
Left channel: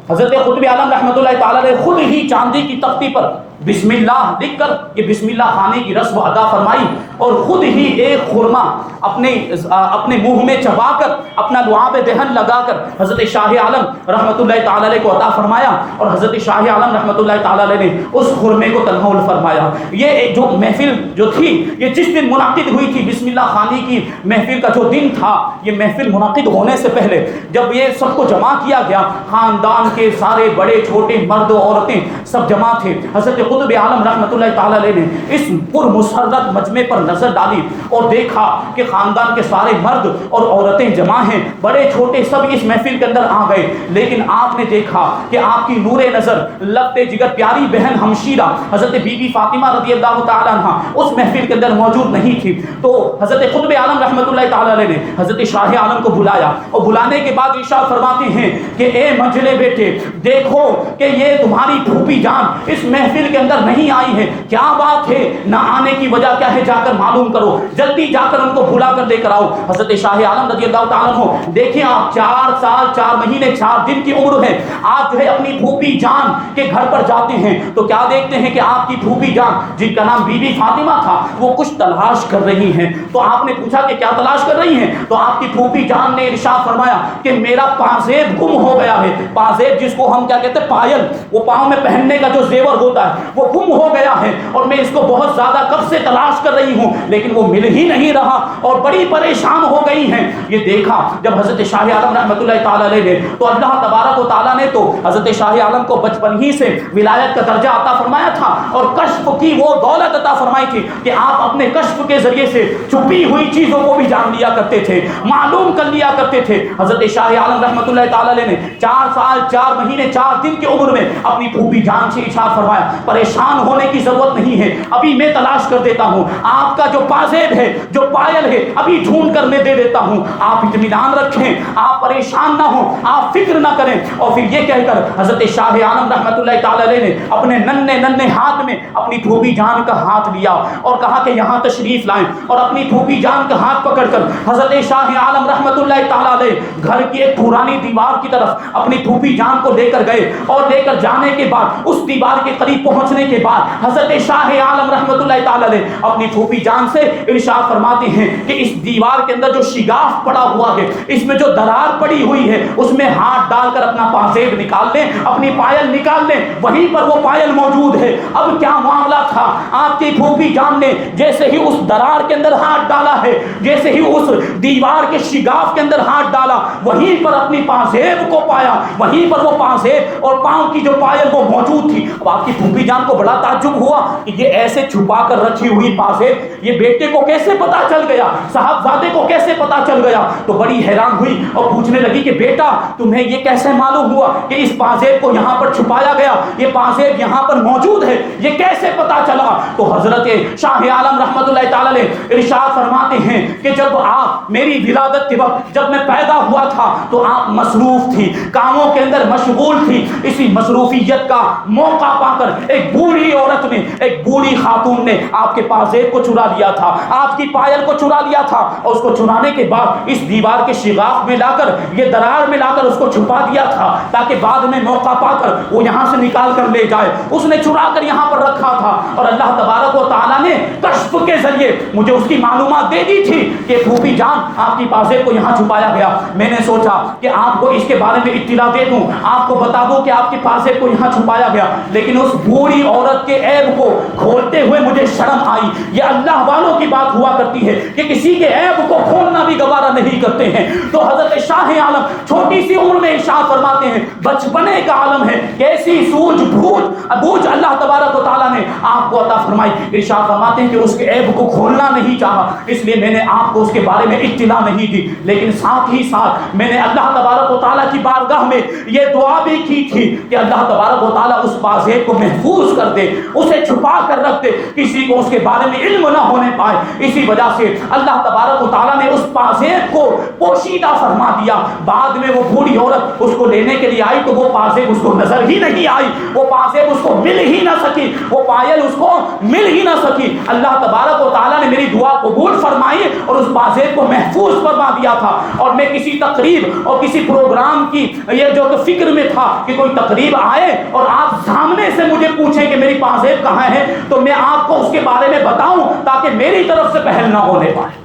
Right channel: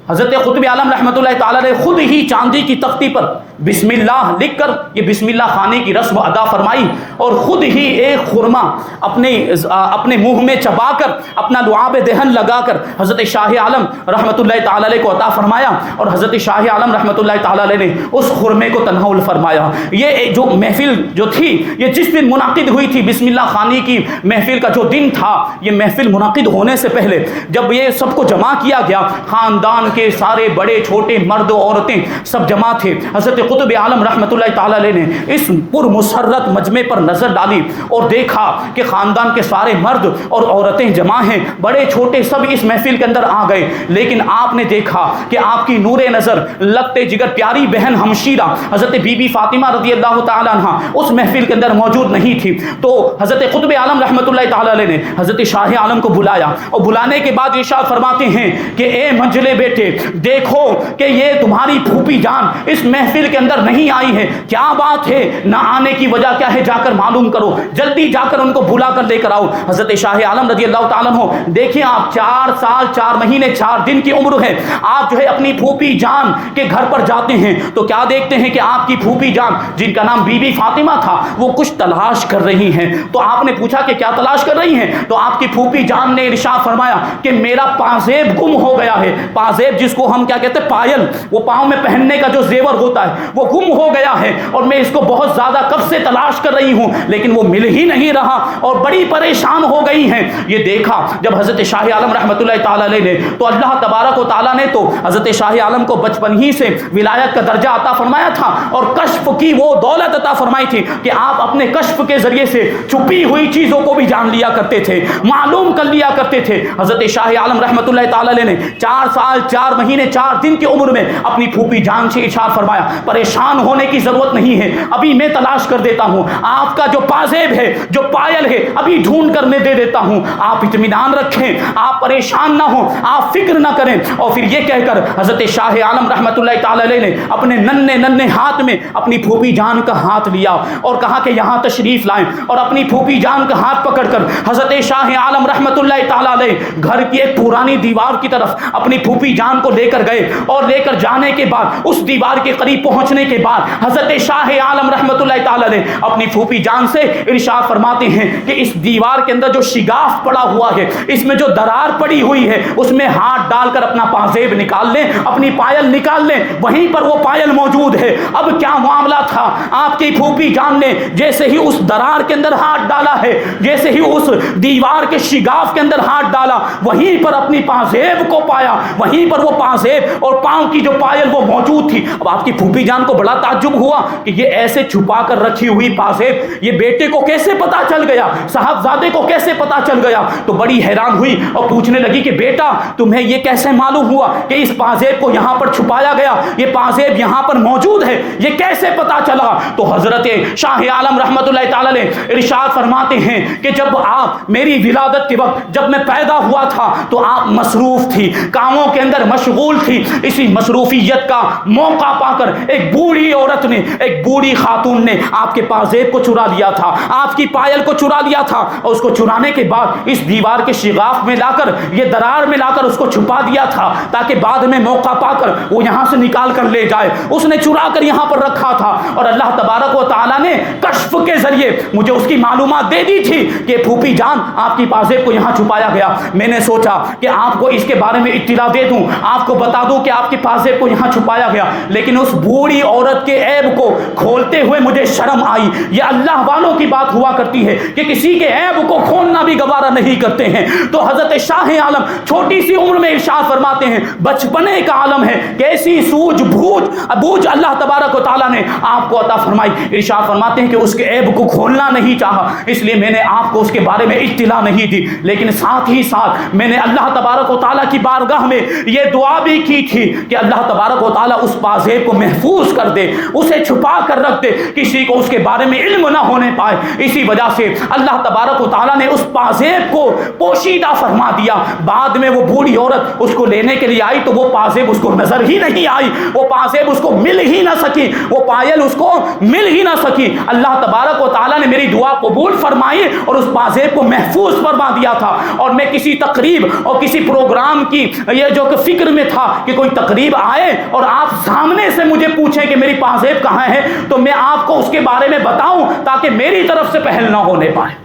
حضرت قطب عالم رحمۃ اللہ تعالی علیہ خود ہی چاندی کی تختی پر بسم اللہ لکھ کر یہ بسم اللہ خانے کی رسم ادا فرمائی اور خود ہی ایک خرما اپنے منہ میں چبا کر اپنا لعاب دہن لگا کر حضرت شاہ عالم رحمۃ اللہ تعالی علیہ کو عطا فرمایا اور حضرت شاہ عالم رحمۃ اللہ تعالی علیہ نے اس خرمے کو تنحول فرمایا. یہ جو محفل جو تھی یہ جس دن منعقد ہوئی تھی بسم اللہ خانی کی محفل کا جو دن تھا، یہ محفل منعقد ہونے سے پہلے جب یہ سب کو جمع کیا گیا، خاندان کے سارے بڑے چھوٹے مرد و عورتیں سب جمع تھے. حضرت قطب عالم رحمۃ اللہ تعالی علیہ نے اس پر مسرت مجمع پر نظر ڈالی اور دیکھا کہ خاندان کے سارے مرد اور عورتیں جمع ہیں، بڑے چھوٹے سب اس محفل کے اندر آ گئے. لیکن آپ نے دیکھا کہ آپ کی نور نظر لگتے جگر پیاری بہن ہمشیرہ حضرت بی بی فاطمہ رضی اللہ تعالی عنہ اس محفل کے اندر موجود نہیں تھی. تو حضرت قطب عالم رحمۃ اللہ تعالی علیہ نے حضرت شاہ عالم کو بلایا اور بلانے کے بعد ارشاد فرماتے ہیں کہ اے منجلے بیٹے، دیکھو کہ یہ تمہاری پھوپھی جان اس محفل کے اندر نہیں آئی ہے. کیا بات ہے؟ نہ آنے کی وجہ کیا ہے؟ جا کر معلوم کرو، جلدی جا کر ان کو بلا کر لے کر آؤ. حضرت شاہ عالم رضی اللہ تعالیٰ عنہ، دیکھیں آپ 4 سال 4 مہینے 4 دن کی عمر ہے، آپ جو ہے اپنی پھوپھی جان کے گھر پر جاتے ہیں تو کیا دیکھتے ہیں کہ آپ کی پھوپھی جان جن کا نام بی بی فاطمہ تھا وہ کچھ تلاش کر رہی ہیں. تو آپ نے پوچھا کہ کیا تلاش کر رہی ہیں؟ تو آپ کی پھوپھی جان نے ارشاد فرمایا کہ میرا پازیب گم ہو گیا ہے. پازیب جس کو ہم کیا کہتے ہیں؟ پائل، وہ پاؤں میں پہننے کا جو زیور ہوتا ہے وہ گم ہو گیا ہے اور میں اس کو بہت زیادہ کب سے تلاش کر رہی ہوں لیکن وہ مل ہی نہیں رہا اور بڑی پریشان ہو گئی ہیں. یہ دیکھا جب حضرت شاہ عالم رحمۃ اللہ تعالی علیہ نے تو اللہ تبارک و تعالیٰ نے تو حضرت شاہ عالم کو بچپن ہی سے ولایت کا درجہ عطا فرمایا تھا اور کشف کی وہ دولت عطا فرمائی تھی کہ آپ اپنے کشف کے ذریعے سے چھپی ہوئی چیزوں کو بھی جان لیا کرتے تھے، معلوم کر لیا کرتے تھے. حضرت شاہ عالم رحمۃ اللہ تعالی علیہ نے 4 سال 4 مہینے 4 دن کی عمر میں اپنی پھوپھی جان سے ارشاد فرمایا پریشان ہونے کی ضرورت نہیں ہے، ابھی میں تلاش کر دیتا ہوں، آپ کا جو پازیب ہے جو پائل ہے ابھی ڈھونڈ کر میں دے دیتا ہوں، آپ اطمینان رکھیں، آپ پریشان نہ ہوں، آپ فکر نہ کریں. اور پھر یہ کہہ کر حضرت شاہ عالم رحمۃ اللہ تعالی علیہ نے اپنے ننھے ہاتھ میں اپنی پھوپھی جان کا ہاتھ لیا اور کہا کہ یہاں تشریف لائیں اور اپنی پھوپھی جان کا ہاتھ پکڑ کر حضرت شاہ عالم رحمۃ اللہ تعالی علیہ گھر کی ایک پرانی دیوار کی طرف اپنی پھوپھی جان کو لے کر گئے اور لے کر جانے کے بعد اس دیوار کے قریب پہنچنے کے بعد حضرت شاہ عالم رحمۃ اللہ تعالی علیہ اپنی پھوپھی جان سے ارشاد فرماتے ہیں کہ اس دیوار کے اندر جو شگاف پڑا ہوا ہے، اس میں جو درار پڑی ہوئی ہے، اس میں ہاتھ ڈال کر اپنا پازیب نکال لیں، اپنی پائل نکال لیں، وہیں پر وہ پائل موجود ہے. اب کیا معاملہ تھا؟ آپ کی پھوپھی جان نے جیسے ہی اس درار کے اندر ہاتھ ڈالا ہے، جیسے ہی اس دیوار کے شگاف کے اندر ہاتھ ڈالا، وہیں پر اپنی پازیب کو پایا، وہیں پر وہ پازیب اور پاؤں کی جو پائل وہ موجود تھی. اب آپ کی پھوپھی جان کو بڑا تعجب ہوا کہ یہ ایسے چھپا کر رکھی ہوئی پازیب یہ بیٹے کو کیسے پتا چل گیا، صاحبزادے کو کیسے پتا چل گیا؟ تو بڑی حیران ہوئی اور پوچھنے لگی کہ بیٹا تمہیں یہ کیسے معلوم ہوا کہ اس پازیب کو یہاں پر چھپایا گیا، یہ پازیب یہاں پر موجود ہے، یہ کیسے پتا چلا؟ تو حضرت شاہ عالم رحمۃ اللہ تعالی ارشاد فرماتے ہیں کہ جب آپ میری ولادت کے وقت جب میں پیدا ہوا تھا تو آپ مصروف تھی، کاموں کے اندر مشغول تھی. اسی مصروفیت کا موقع پا کر ایک بوڑھی عورت نے، ایک بوڑھی خاتون نے آپ کے پازیب کو چرا لیا تھا، آپ کی پائل کو چرا لیا تھا اور اس کو چرانے کے بعد اس دیوار کے شگاف میں لا کر یہ درار میں لا کر اس کو چھپا دیا تھا تاکہ بعد میں موقع پا کر وہ یہاں سے نکال کر لے جائے. اس نے چرا کر یہاں پر رکھا تھا اور اللہ تبارک و تعالیٰ نے کشف کے ذریعے مجھے اس کی معلومات دے دی تھی کہ پھوپھی جان آپ کی پازیب کو یہاں چھپایا گیا. میں نے سوچا کہ آپ کو اس کے بارے میں اطلاع دے دوں، آپ کو بتا دوں کہ آپ کی پازیب کو یہاں چھپایا گیا، لیکن اس بوڑھی عورت کے عیب کو کھولتے ہوئے مجھے شرم آئی. یہ اللہ والوں کی بات ہوا کرتی ہے کہ کسی کے عیب کو کھولنا بھی گوارا نہیں کرتے ہیں. تو حضرت شاہ عالم چھوٹی سی عمر میں ارشاد فرماتے ہیں بچپنے کا عالم ہے، کیسی سوجھ بوجھ اللہ تبارک و تعالیٰ نے آپ کو عطا فرمایا. فرمائی. ارشاد فرماتے ہیں کہ اس کے عیب کو کھولنا نہیں چاہا، اس لیے میں نے آپ کو اس کے بارے میں اطلاع نہیں دی، لیکن ساتھ ہی ساتھ میں نے اللہ تبارک و تعالیٰ کی بارگاہ میں یہ دعا بھی کی تھی کہ اللہ تبارک و تعالیٰ اس پازیب کو محفوظ کر دے، اسے چھپا کر رکھ دے، کسی کو اس کے بارے میں علم نہ ہونے پائے. اسی وجہ سے اللہ تبارک و تعالیٰ نے اس پازیب کو پوشیدہ فرما دیا. بعد میں وہ بوڑھی عورت اس کو لینے کے لیے آئی تو وہ پازیب اس کو نظر ہی نہیں آئی، وہ پازیب اس کو مل ہی نہ سکی، وہ پائل اس کو مل ہی نہ سکی. اللہ تبارک و تعالیٰ نے میری دعا قبول فرمائی اور اس پازیب کو محفوظ فرما دیا تھا. اور میں کسی تقریب اور کسی پروگرام کی یہ جو کہ فکر میں تھا کہ کوئی تقریب آئے اور آپ سامنے سے مجھے پوچھیں کہ میری پازیب کہاں ہے تو میں آپ کو اس کے بارے میں بتاؤں تاکہ میری طرف سے پہل نہ ہونے پائے.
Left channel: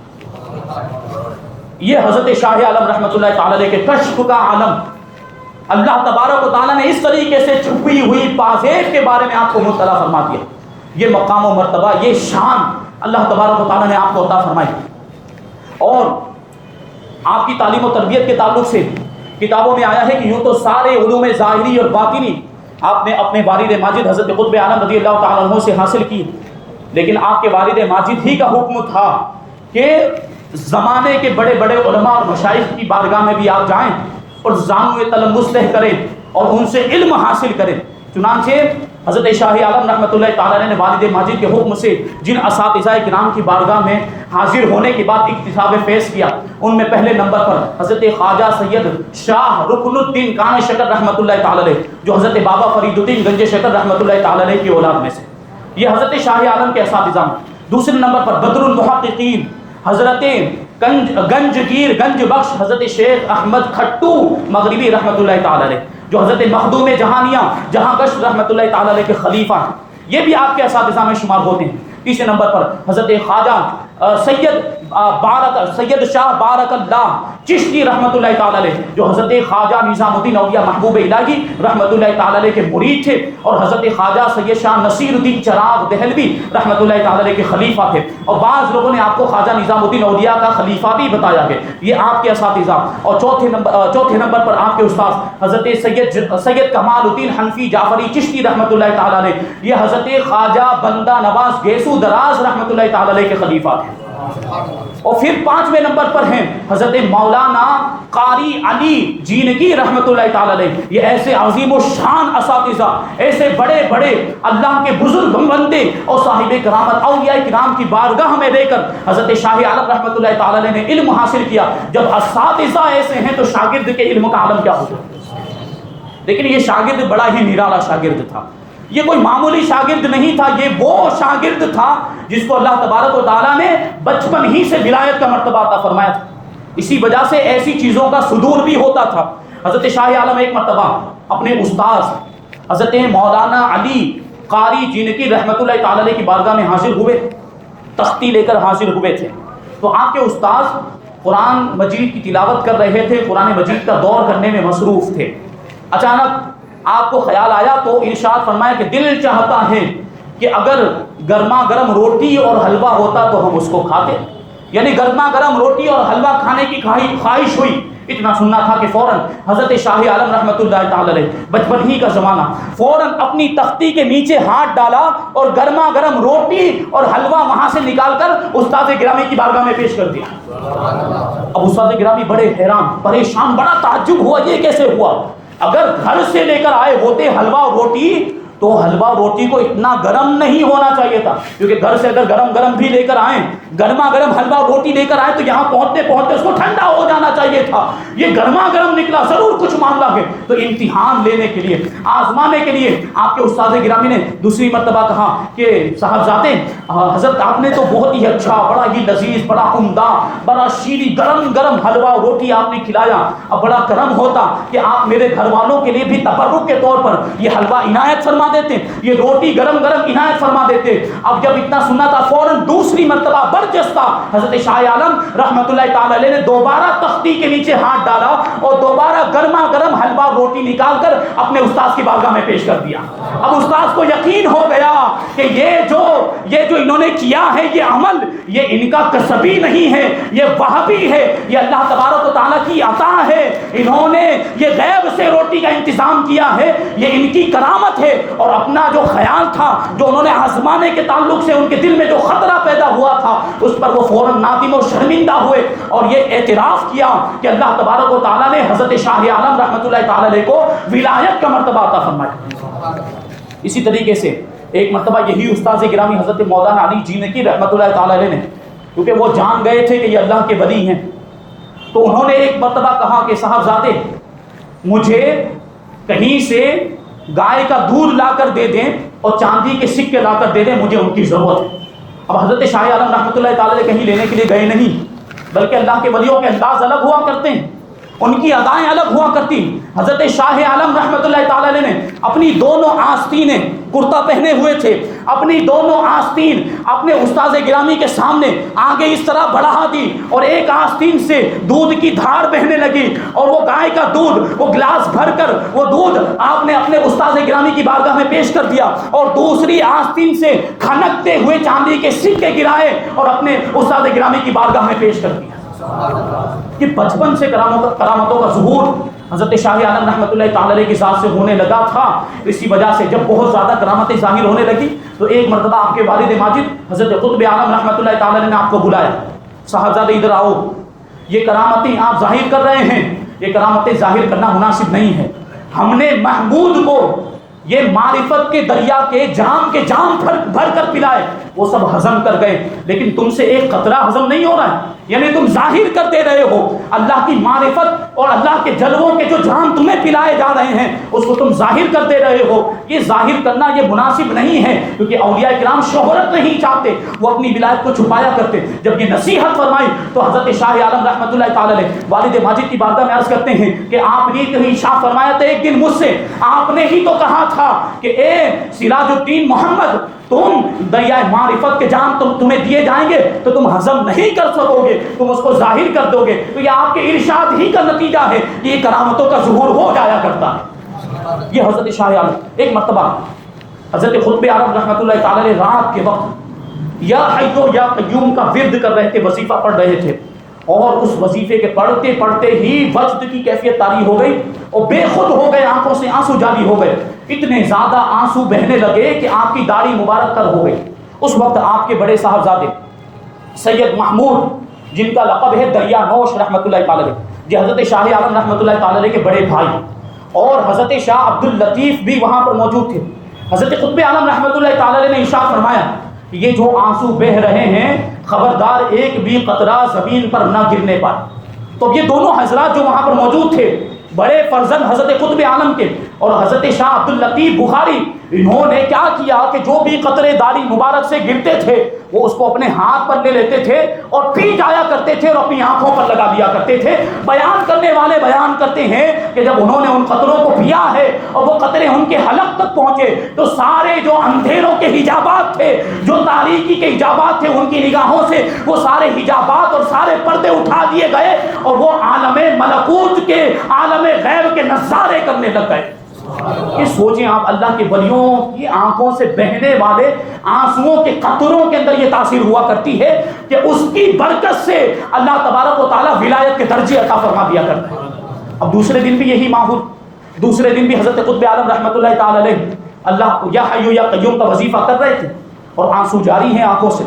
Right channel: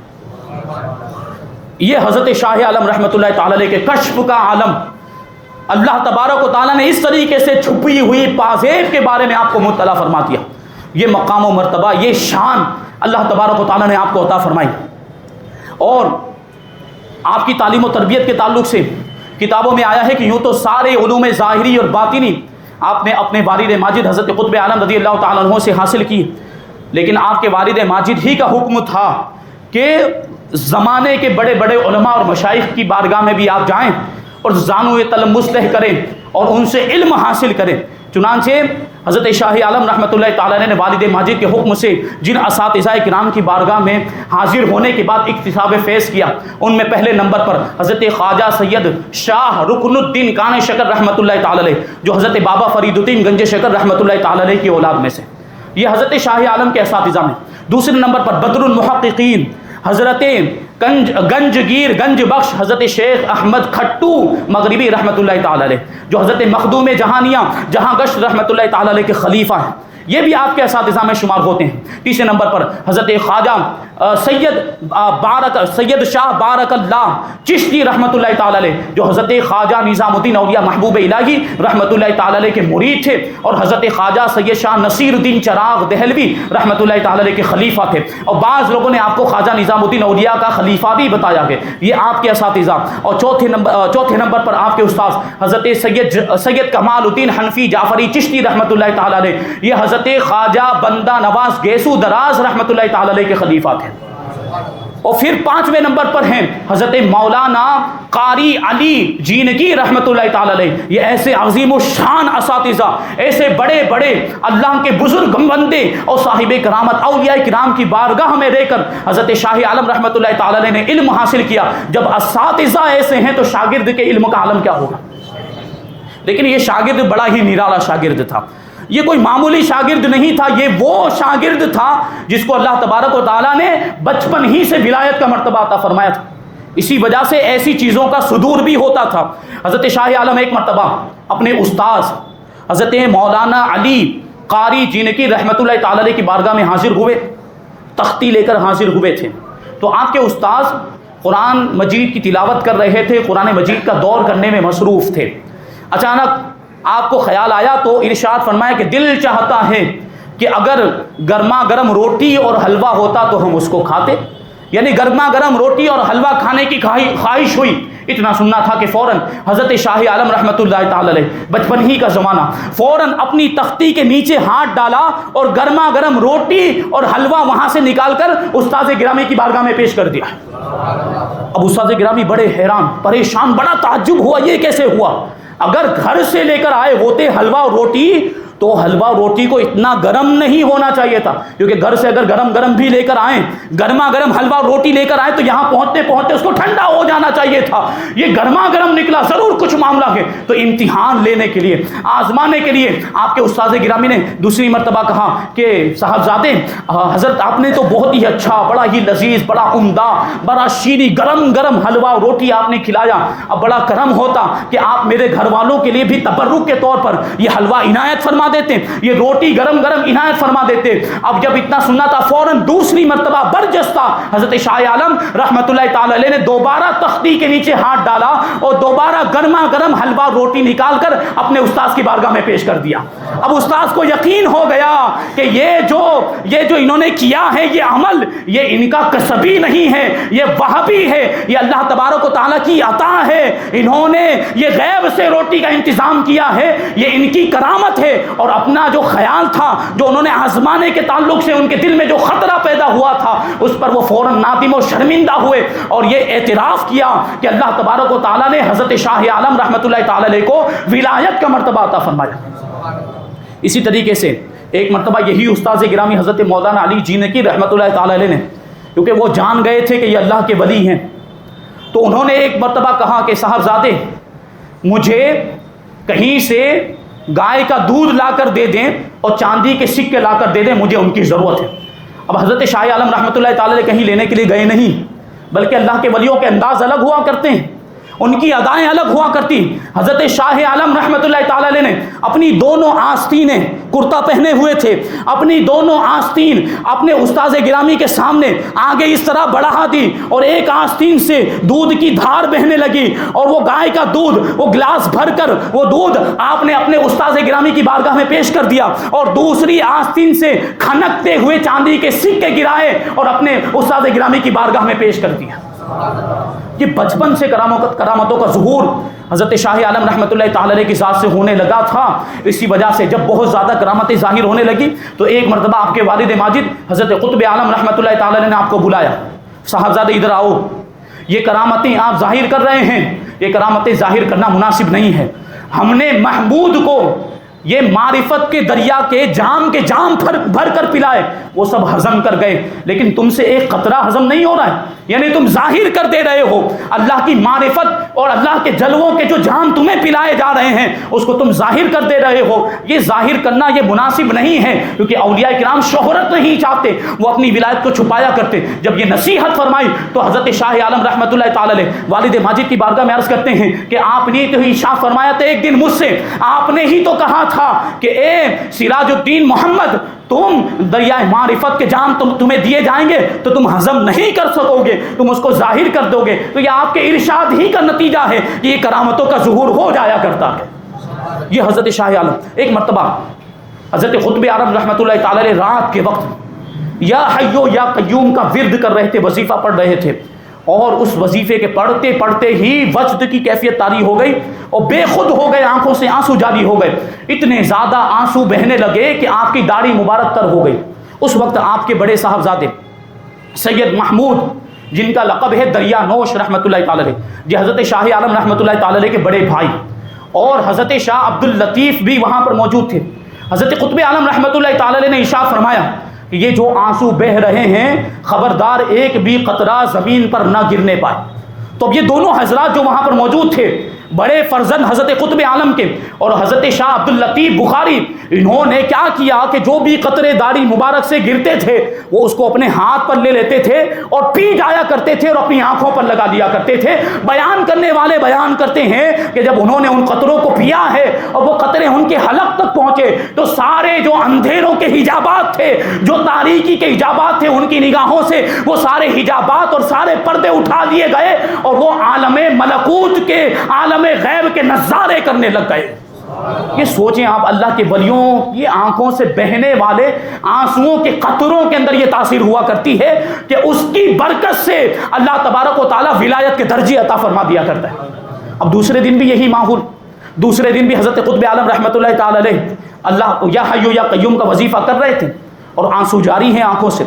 یہ حضرت شاہ عالم رحمۃ اللہ تعالی علیہ کے کشف کا عالم، اللہ تبارک و تعالیٰ نے اس طریقے سے چھپی ہوئی پازیب کے بارے میں آپ کو مطلع فرما دیا. یہ مقام و مرتبہ، یہ شان اللہ تبارک و تعالیٰ نے آپ کو عطا فرمائی. اور آپ کی تعلیم و تربیت کے تعلق سے کتابوں میں آیا ہے کہ یوں تو سارے علوم ظاہری اور باطنی آپ نے اپنے والد ماجد حضرت قطب عالم رضی اللہ تعالیٰ عنہ سے حاصل کی، لیکن آپ کے والد ماجد ہی کا حکم تھا کہ زمانے کے بڑے بڑے علماء اور مشائخ کی بارگاہ میں بھی آپ جائیں اور زانو تلمسلح کریں اور ان سے علم حاصل کریں. چنانچہ حضرت شاہ عالم رحمۃ اللہ تعالیٰ علیہ نے والد ماجد کے حکم سے جن اساتذہ کرام کی بارگاہ میں حاضر ہونے کے بعد اکتساب فیض کیا، ان میں پہلے نمبر پر حضرت خواجہ سید شاہ رکن الدین کان شکر رحمۃ اللہ تعالیٰ علیہ، جو حضرت بابا فرید الدین گنج شکر رحمۃ اللہ تعالیٰ علیہ کی اولاد میں سے، یہ حضرت شاہ عالم کے اساتذہ میں. دوسرے نمبر پر بدر المحققین حضرت گنجگیر گنج بخش حضرت شیخ احمد کھٹو مغربی رحمۃ اللہ تعالی علیہ، جو حضرت مخدوم جہانیاں جہاں گشت رحمۃ اللہ تعالی علیہ کے خلیفہ ہیں، یہ بھی آپ کے اساتذہ میں شمار ہوتے ہیں. تیسرے نمبر پر حضرت خواجہ سید شاہ بارک اللہ چشتی رحمۃ اللہ تعالی علیہ، جو حضرت خواجہ نظام الدین اولیاء محبوب الہی رحمۃ اللہ تعالی علیہ کے مرید تھے، اور حضرت خواجہ سید شاہ نصیر الدین چراغ دہلوی رحمۃ اللہ تعالی علیہ کے خلیفہ تھے. اور بعض لوگوں نے آپ کو خواجہ نظام الدین اولیاء کا خلیفہ بھی بتایا ہے. یہ آپ کے اساتذہ. اور چوتھے نمبر پر آپ کے استاد حضرت سید کمال الدین حنفی جعفری چشتی رحمۃ اللہ تعالی علیہ، یہ حضرت خواجہ بندہ نواز گیسو دراز رحمۃ اللہ تعالی علیہ کے خلیفہ تھے. اور پھر پانچویں نمبر پر ہیں حضرت مولانا قاری علی جینگی رحمۃ اللہ تعالی علیہ. یہ ایسے عظیم و شان اساتذہ، ایسے بڑے بڑے اللہ کے بزرگ بندے اور صاحب کرامت اولیاء کرام کی بارگاہ میں رہ کر حضرت شاہ عالم رحمۃ اللہ تعالی علیہ نے علم حاصل کیا. جب اساتذہ ایسے ہیں تو شاگرد کے علم کا عالم کیا ہوگا. لیکن یہ شاگرد بڑا ہی نرالا شاگرد تھا، یہ کوئی معمولی شاگرد نہیں تھا، یہ وہ شاگرد تھا جس کو اللہ تبارک و تعالیٰ نے بچپن ہی سے ولایت کا مرتبہ عطا فرمایا تھا. اسی وجہ سے ایسی چیزوں کا صدور بھی ہوتا تھا. حضرت شاہ عالم ایک مرتبہ اپنے استاذ حضرت مولانا علی قاری جینکی رحمۃ اللہ تعالی علیہ کی بارگاہ میں حاضر ہوئے، تختی لے کر حاضر ہوئے تھے. تو آپ کے استاذ قرآن مجید کی تلاوت کر رہے تھے، قرآن مجید کا دور کرنے میں مصروف تھے. اچانک آپ کو خیال آیا تو ارشاد فرمایا کہ دل چاہتا ہے کہ اگر گرما گرم روٹی اور حلوہ ہوتا تو ہم اس کو کھاتے. یعنی گرما گرم روٹی اور حلوہ کھانے کی خواہش ہوئی. اتنا سننا تھا کہ فوراً حضرت شاہ عالم رحمۃ اللہ تعالی علیہ، بچپن ہی کا زمانہ، فوراً اپنی تختی کے نیچے ہاتھ ڈالا اور گرما گرم روٹی اور حلوہ وہاں سے نکال کر استاد گرامی کی بارگاہ میں پیش کر دیا. اب استاد گرامی بڑے حیران پریشان، بڑا تعجب ہوا یہ کیسے ہوا. اگر گھر سے لے کر آئے ہوتے حلوہ اور روٹی تو حلوہ روٹی کو اتنا گرم نہیں ہونا چاہیے تھا، کیونکہ گھر سے اگر گرم گرم بھی لے کر آئیں، گرما گرم حلوہ روٹی لے کر آئیں تو یہاں پہنچتے پہنچتے اس کو ٹھنڈا ہو جانا چاہیے تھا. یہ گرما گرم نکلا، ضرور کچھ معاملہ ہے. تو امتحان لینے کے لیے، آزمانے کے لیے آپ کے استاد گرامی نے دوسری مرتبہ کہا کہ صاحبزادے حضرت آپ نے تو بہت ہی اچھا، بڑا ہی لذیذ، بڑا عمدہ، بڑا شیریں گرم گرم حلوہ روٹی آپ نے کھلایا. اب بڑا کرم ہوتا کہ آپ میرے گھر والوں کے لیے بھی تبرک کے طور پر یہ حلوہ عنایت فرما دیتے، یہ روٹی گرم گرم عنایت فرما دیتے. اب جب اتنا سننا تھا فوراً دوسری مرتبہ برجستہ حضرت شاہ عالم رحمۃ اللہ تعالی علیہ نے دوبارہ تختی کے نیچے ہاتھ ڈالا اور دوبارہ گرما گرم حلوہ روٹی نکال کر اپنے استاذ کی بارگاہ میں پیش کر دیا. اب استاذ کو یقین ہو گیا کہ یہ جو انہوں نے کیا ہے یہ عمل، یہ ان کا کسبی نہیں ہے، یہ وہابی ہے، یہ اللہ تبارک و تعالیٰ کی عطا ہے، انہوں نے یہ غیب سے روٹی کا انتظام کیا ہے، یہ ان کی کرامت ہے۔ اور اپنا جو خیال تھا، جو انہوں نے آزمانے کے تعلق سے ان کے دل میں جو خطرہ پیدا ہوا تھا، اس پر وہ فوراً نادم و شرمندہ ہوئے اور یہ اعتراف کیا کہ اللہ تبارک و تعالیٰ نے حضرت شاہ عالم رحمۃ اللہ تعالی علیہ کو ولایت کا مرتبہ عطا فرمایا۔ اسی طریقے سے ایک مرتبہ یہی استاذ گرامی حضرت مولانا علی جی کی رحمۃ اللہ تعالی علیہ نے، کیونکہ وہ جان گئے تھے کہ یہ اللہ کے ولی ہیں، تو انہوں نے ایک مرتبہ کہا کہ صاحبزادے مجھے کہیں سے گائے کا دودھ لا کر دے دیں اور چاندی کے سکے لا کر دے دیں، مجھے ان کی ضرورت ہے۔ اب حضرت شاہ عالم رحمۃ اللہ تعالی کہیں لینے کے لیے گئے نہیں، بلکہ اللہ کے ولیوں کے انداز الگ ہوا کرتے ہیں، ان کی ادائیں الگ ہوا کرتی۔ حضرت شاہ عالم رحمۃ اللہ تعالی نے اپنی دونوں آستینیں، کرتا پہنے ہوئے تھے، اپنی دونوں آستین اپنے استاذ گرامی کے سامنے آگے اس طرح بڑھا دی اور ایک آستین سے دودھ کی دھار بہنے لگی اور وہ گائے کا دودھ، وہ گلاس بھر کر وہ دودھ آپ نے اپنے استاذ گرامی کی بارگاہ میں پیش کر دیا، اور دوسری آستین سے کھنکتے ہوئے چاندی کے سکے گرائے اور اپنے استاذ گرامی کی بارگاہ میں پیش کر دیا۔ یہ بچپن سے کرامتوں کا ظہور حضرت شاہ عالم رحمۃ اللہ تعالی علیہ کی ذات سے ہونے لگا تھا۔ اسی وجہ سے جب بہت زیادہ کرامتیں ظاہر ہونے لگی تو ایک مرتبہ آپ کے والد ماجد حضرت قطب عالم رحمۃ اللہ تعالی علیہ نے آپ کو بلایا، صاحبزادے ادھر آؤ، یہ کرامتیں آپ ظاہر کر رہے ہیں، یہ کرامتیں ظاہر کرنا مناسب نہیں ہے۔ ہم نے محمود کو یہ معرفت کے دریا کے جام بھر کر پلائے، وہ سب ہضم کر گئے، لیکن تم سے ایک قطرہ ہضم نہیں ہو رہا ہے، یعنی تم ظاہر کر دے رہے ہو اللہ کی معرفت اور اللہ کے جلووں کے جو جام تمہیں پلائے جا رہے ہیں اس کو تم ظاہر کر دے رہے ہو۔ یہ ظاہر کرنا یہ مناسب نہیں ہے، کیونکہ اولیاء کرام شہرت نہیں چاہتے، وہ اپنی ولایت کو چھپایا کرتے۔ جب یہ نصیحت فرمائی تو حضرت شاہ عالم رحمۃ اللہ تعالی علیہ والد ماجد کی بارگاہ میں عرض کرتے ہیں کہ آپ نے تو ارشاد فرمایا تھا ایک دن مجھ سے، آپ نے ہی تو کہا تھا کہ اے سراج الدین محمد، تم دریائے معرفت کے جام تمہیں دیے جائیں گے تو تم ہضم نہیں کر سکو گے، تم اس کو ظاہر کر دو گے۔ تو یہ آپ کے ارشاد ہی کا نتیجہ ہے کہ یہ کرامتوں کا ظہور ہو جایا کرتا ہے۔ یہ حضرت شاہ عالم ایک مرتبہ حضرت قطب عالم رحمۃ اللہ تعالی علیہ رات کے وقت یا حیو یا قیوم کا ورد کر رہے تھے، وظیفہ پڑھ رہے تھے، اور اس وظیفے کے پڑھتے پڑھتے ہی وجد کی کیفیت طاری ہو گئی اور بے خود ہو گئے، آنکھوں سے آنسو جاری ہو گئے، اتنے زیادہ آنسو بہنے لگے کہ آپ کی داڑھی مبارک تر ہو گئی۔ اس وقت آپ کے بڑے صاحبزادے سید محمود، جن کا لقب ہے دریا نوش رحمۃ اللہ تعالی علیہ، یہ حضرت شاہ عالم رحمۃ اللہ تعالی علیہ کے بڑے بھائی، اور حضرت شاہ عبد اللطیف بھی وہاں پر موجود تھے۔ حضرت قطب عالم رحمۃ اللہ تعالی علیہ نے ارشاد فرمایا کہ یہ جو آنسو بہ رہے ہیں خبردار ایک بھی قطرہ زمین پر نہ گرنے پائے۔ تو یہ دونوں حضرات جو وہاں پر موجود تھے، بڑے فرزند حضرت قطب عالم کے اور حضرت شاہ عبد اللطیف بخاری، انہوں نے کیا کیا کہ جو بھی قطرے داڑھی مبارک سے گرتے تھے وہ اس کو اپنے ہاتھ پر لے لیتے تھے اور پی جایا کرتے تھے اور اپنی آنکھوں پر لگا دیا کرتے تھے۔ بیان کرنے والے بیان کرتے ہیں کہ جب انہوں نے ان قطروں کو پیا ہے اور وہ قطرے ان کے حلق تک پہنچے تو سارے جو اندھیروں کے حجابات تھے، جو تاریکی کے حجابات تھے، ان کی نگاہوں سے وہ سارے حجابات اور سارے پردے اٹھا لیے گئے اور وہ عالم ملکوت کے، عالم غیب کے نظارے کرنے لگ گئے۔ یہ سوچیں آپ، اللہ کے ولیوں کی آنکھوں سے بہنے والے آنسوؤں کے قطروں کے اندر یہ تاثیر ہوا کرتی ہے کہ اس کی برکت سے اللہ تبارک و تعالیٰ ولایت کے درجے عطا فرما دیا کرتا ہے۔ اب دوسرے دن بھی یہی ماحول، دوسرے دن بھی حضرت قطب عالم رحمۃ اللہ تعالی علیہ اللہ یا حیو یا قیوم کا وظیفہ کر رہے تھے اور آنسو جاری ہیں آنکھوں سے،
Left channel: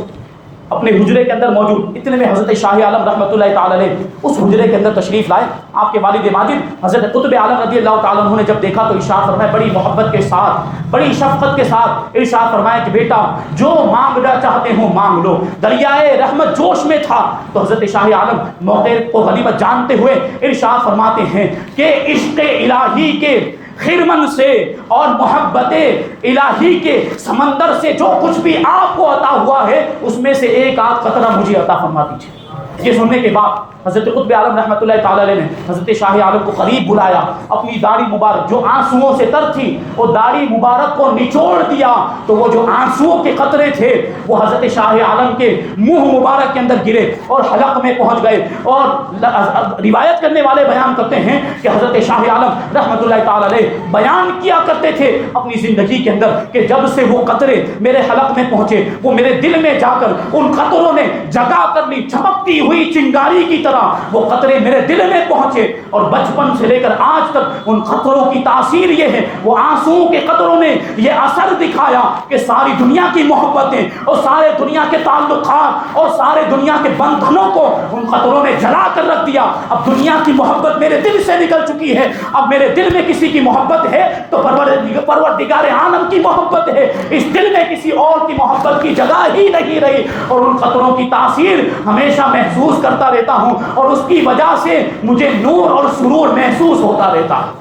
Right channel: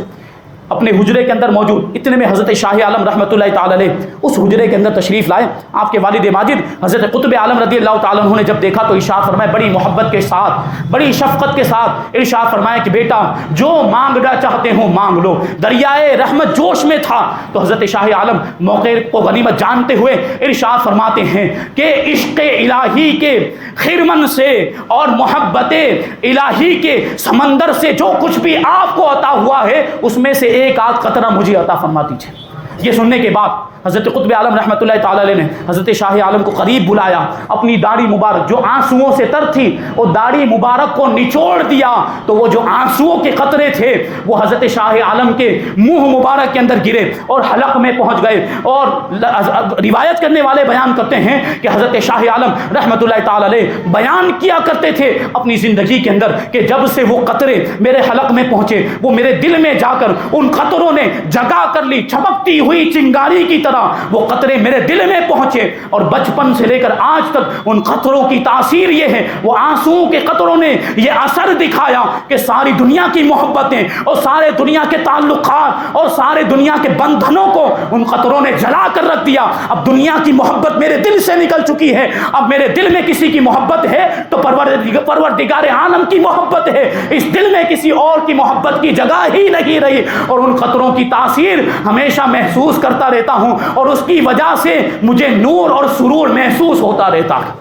اپنے حجرے کے اندر موجود۔ اتنے میں حضرت شاہ عالم رحمۃ اللہ تعالی علیہ اس حجرے کے اندر تشریف لائے۔ آپ کے والد ماجد حضرت قطب عالم رضی اللہ تعالیٰ عنہ نے جب دیکھا تو ارشاد فرمایا بڑی محبت کے ساتھ، بڑی شفقت کے ساتھ ارشاد فرمایا کہ بیٹا جو مانگنا چاہتے ہو مانگ لو۔ دریائے رحمت جوش میں تھا تو حضرت شاہ عالم موقع کو غنیمت جانتے ہوئے ارشاد فرماتے ہیں کہ عشق الہی کے خرمن سے اور محبت الہی کے سمندر سے جو کچھ بھی آپ کو عطا ہوا ہے اس میں سے ایک آدھ قطرہ مجھے عطا فرما دیجیے۔ یہ سننے کے بعد حضرت قطب عالم رحمۃ اللہ تعالی علیہ نے حضرت شاہ عالم کو قریب بلایا، اپنی داڑھی مبارک جو آنسوؤں سے تر تھی وہ داڑھی مبارک کو نچوڑ دیا، تو وہ جو آنسوؤں کے قطرے تھے وہ حضرت شاہ عالم کے منہ مبارک کے اندر گرے اور حلق میں پہنچ گئے۔ اور روایت کرنے والے بیان کرتے ہیں کہ حضرت شاہ عالم رحمۃ اللہ تعالی علیہ بیان کیا کرتے تھے اپنی زندگی کے اندر کہ جب سے وہ قطرے میرے حلق میں پہنچے وہ میرے دل میں جا کر ان قطروں نے جگہ کر لی، چمکتی ہوئی چنگاری کی طرح وہ قطرے میرے دل میں پہنچے، اور بچپن سے لے کر آج تک ان قطروں کی تاثیر یہ ہے، وہ آنسوؤں کے قطروں نے یہ اثر دکھایا کہ ساری دنیا کی محبتیں اور سارے دنیا کے تعلقات اور سارے دنیا کے بندھنوں کو ان قطروں نے جلا کر رکھ دیا۔ اب دنیا کی محبت میرے دل سے نکل چکی ہے، اب میرے دل میں کسی کی محبت ہے تو پروردگار عالم کی محبت ہے، اس دل میں کسی اور کی محبت کی جگہ ہی نہیں رہی، اور ان قطروں کی تاثیر ہمیشہ محسوس کرتا رہتا ہوں، اور اس کی وجہ سے مجھے نور اور سرور محسوس ہوتا رہتا ہے۔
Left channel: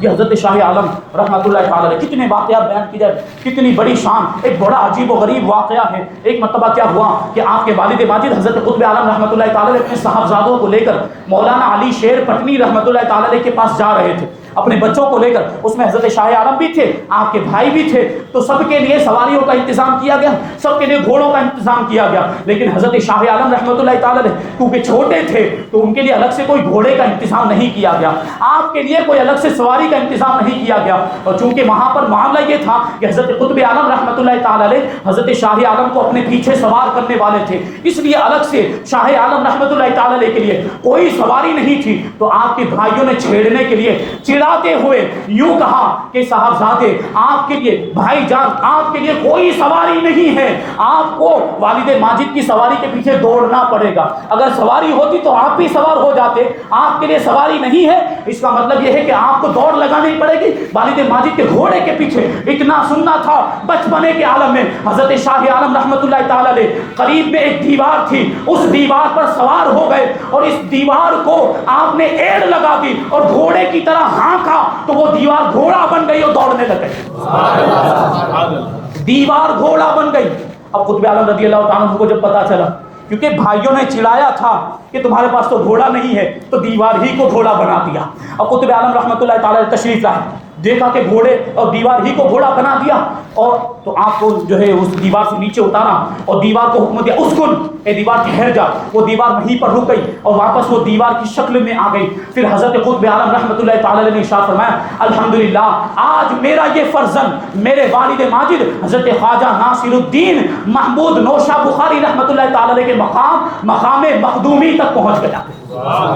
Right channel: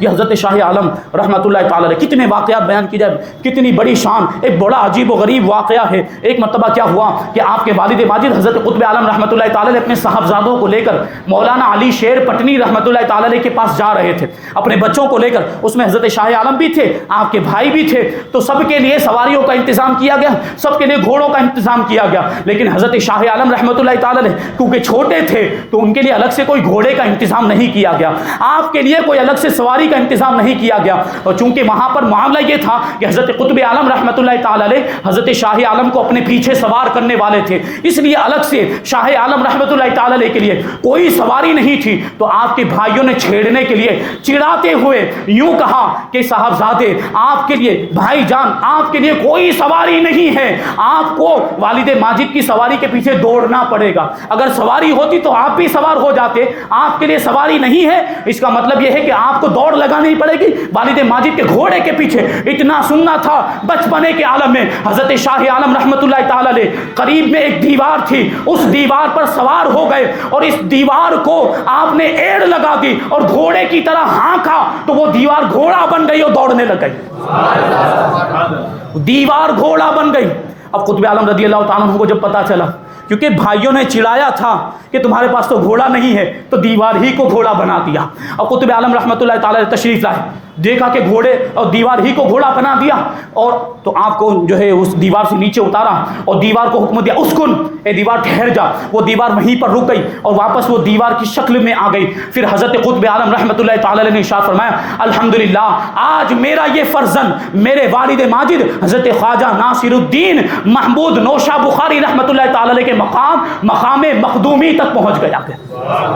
یہ حضرت شاہ عالم رحمۃ اللہ تعالی علیہ، کتنے واقعات بیان کی جائے، کتنی بڑی شان۔ ایک بڑا عجیب و غریب واقعہ ہے، ایک مرتبہ کیا ہوا کہ آپ کے والد ماجد حضرت قطب عالم رحمۃ اللہ تعالی علیہ اپنے صاحبزادوں کو لے کر مولانا علی شیر پٹنی رحمۃ اللہ تعالی علیہ کے پاس جا رہے تھے اپنے بچوں کو لے کر، اس میں حضرت شاہ عالم بھی تھے، آپ کے بھائی بھی تھے، تو سب کے لیے سواریوں کا انتظام کیا گیا، سب کے لیے گھوڑوں کا انتظام کیا گیا، لیکن حضرت شاہ عالم رحمۃ اللہ تعالی علیہ کیونکہ چھوٹے تھے تو ان کے لیے الگ سے کوئی گھوڑے کا انتظام نہیں کیا گیا، آپ کے لیے کوئی الگ سے سواری کا انتظام نہیں کیا گیا، اور چونکہ وہاں پر معاملہ یہ تھا کہ حضرت قطب عالم رحمۃ اللہ تعالی علیہ حضرت شاہ عالم کو اپنے پیچھے سوار کرنے والے تھے، اس لیے الگ سے شاہ عالم رحمۃ اللہ تعالی علیہ کے لیے کوئی سواری نہیں تھی، تو آپ کے بھائیوں نے چھیڑنے کے لیے چڑھاتے ہوئے یوں کہا کہ صاحبزادے آپ کے لیے، بھائی جان آپ کے لیے کوئی سواری نہیں ہے، آپ کو والد ماجد کی سواری کے پیچھے دوڑنا پڑے گا، اگر سواری ہوتی تو آپ بھی سوار ہو جاتے، آپ کے لیے سواری نہیں ہے، اس کا مطلب یہ ہے کہ آپ کو دوڑ لگانی پڑے گی والد ماجد کے گھوڑے کے پیچھے۔ اتنا سننا تھا بچپنے کے عالم میں حضرت شاہ عالم رحمۃ اللہ تعالی علیہ قریب میں ایک دیوار تھی، اس دیوار پر سوار ہو گئے، اور اس دیوار کو آپ نے ایڑ لگا دی اور گھوڑے کی طرح ہانکا تو وہ دیوار گھوڑا بن گئی اور دوڑنے لگ گئی، دیوار گھوڑا بن گئی۔ اب قطب عالم رضی اللہ تعالیٰ عنہ کو جب پتا چلا، کیونکہ بھائیوں نے چڑھایا تھا کہ تمہارے پاس تو گھوڑا نہیں ہے، تو دیوار ہی کو گھوڑا بنا دیا۔ اب قطب عالم رحمۃ اللہ تعالی تشریف لائے، دیکھا کہ گھوڑے اور دیوار ہی کو گھوڑا بنا دیا، اور تو آپ کو جو ہے اس دیوار سے نیچے اتارا اور دیوار کو حکم دیا اسکن، اے دیوار ٹھہر جا، وہ دیوار وہیں پر رک گئی اور واپس وہ دیوار کی شکل میں آ گئی۔ پھر حضرت قطب عالم رحمۃ اللہ تعالی علیہ نے ارشاد فرمایا الحمدللہ آج میرا یہ فرزند میرے والد ماجد حضرت خواجہ ناصر الدین محمود نوشہ بخاری رحمۃ اللہ تعالی علیہ کے مقام مخدومی تک پہنچ گیا۔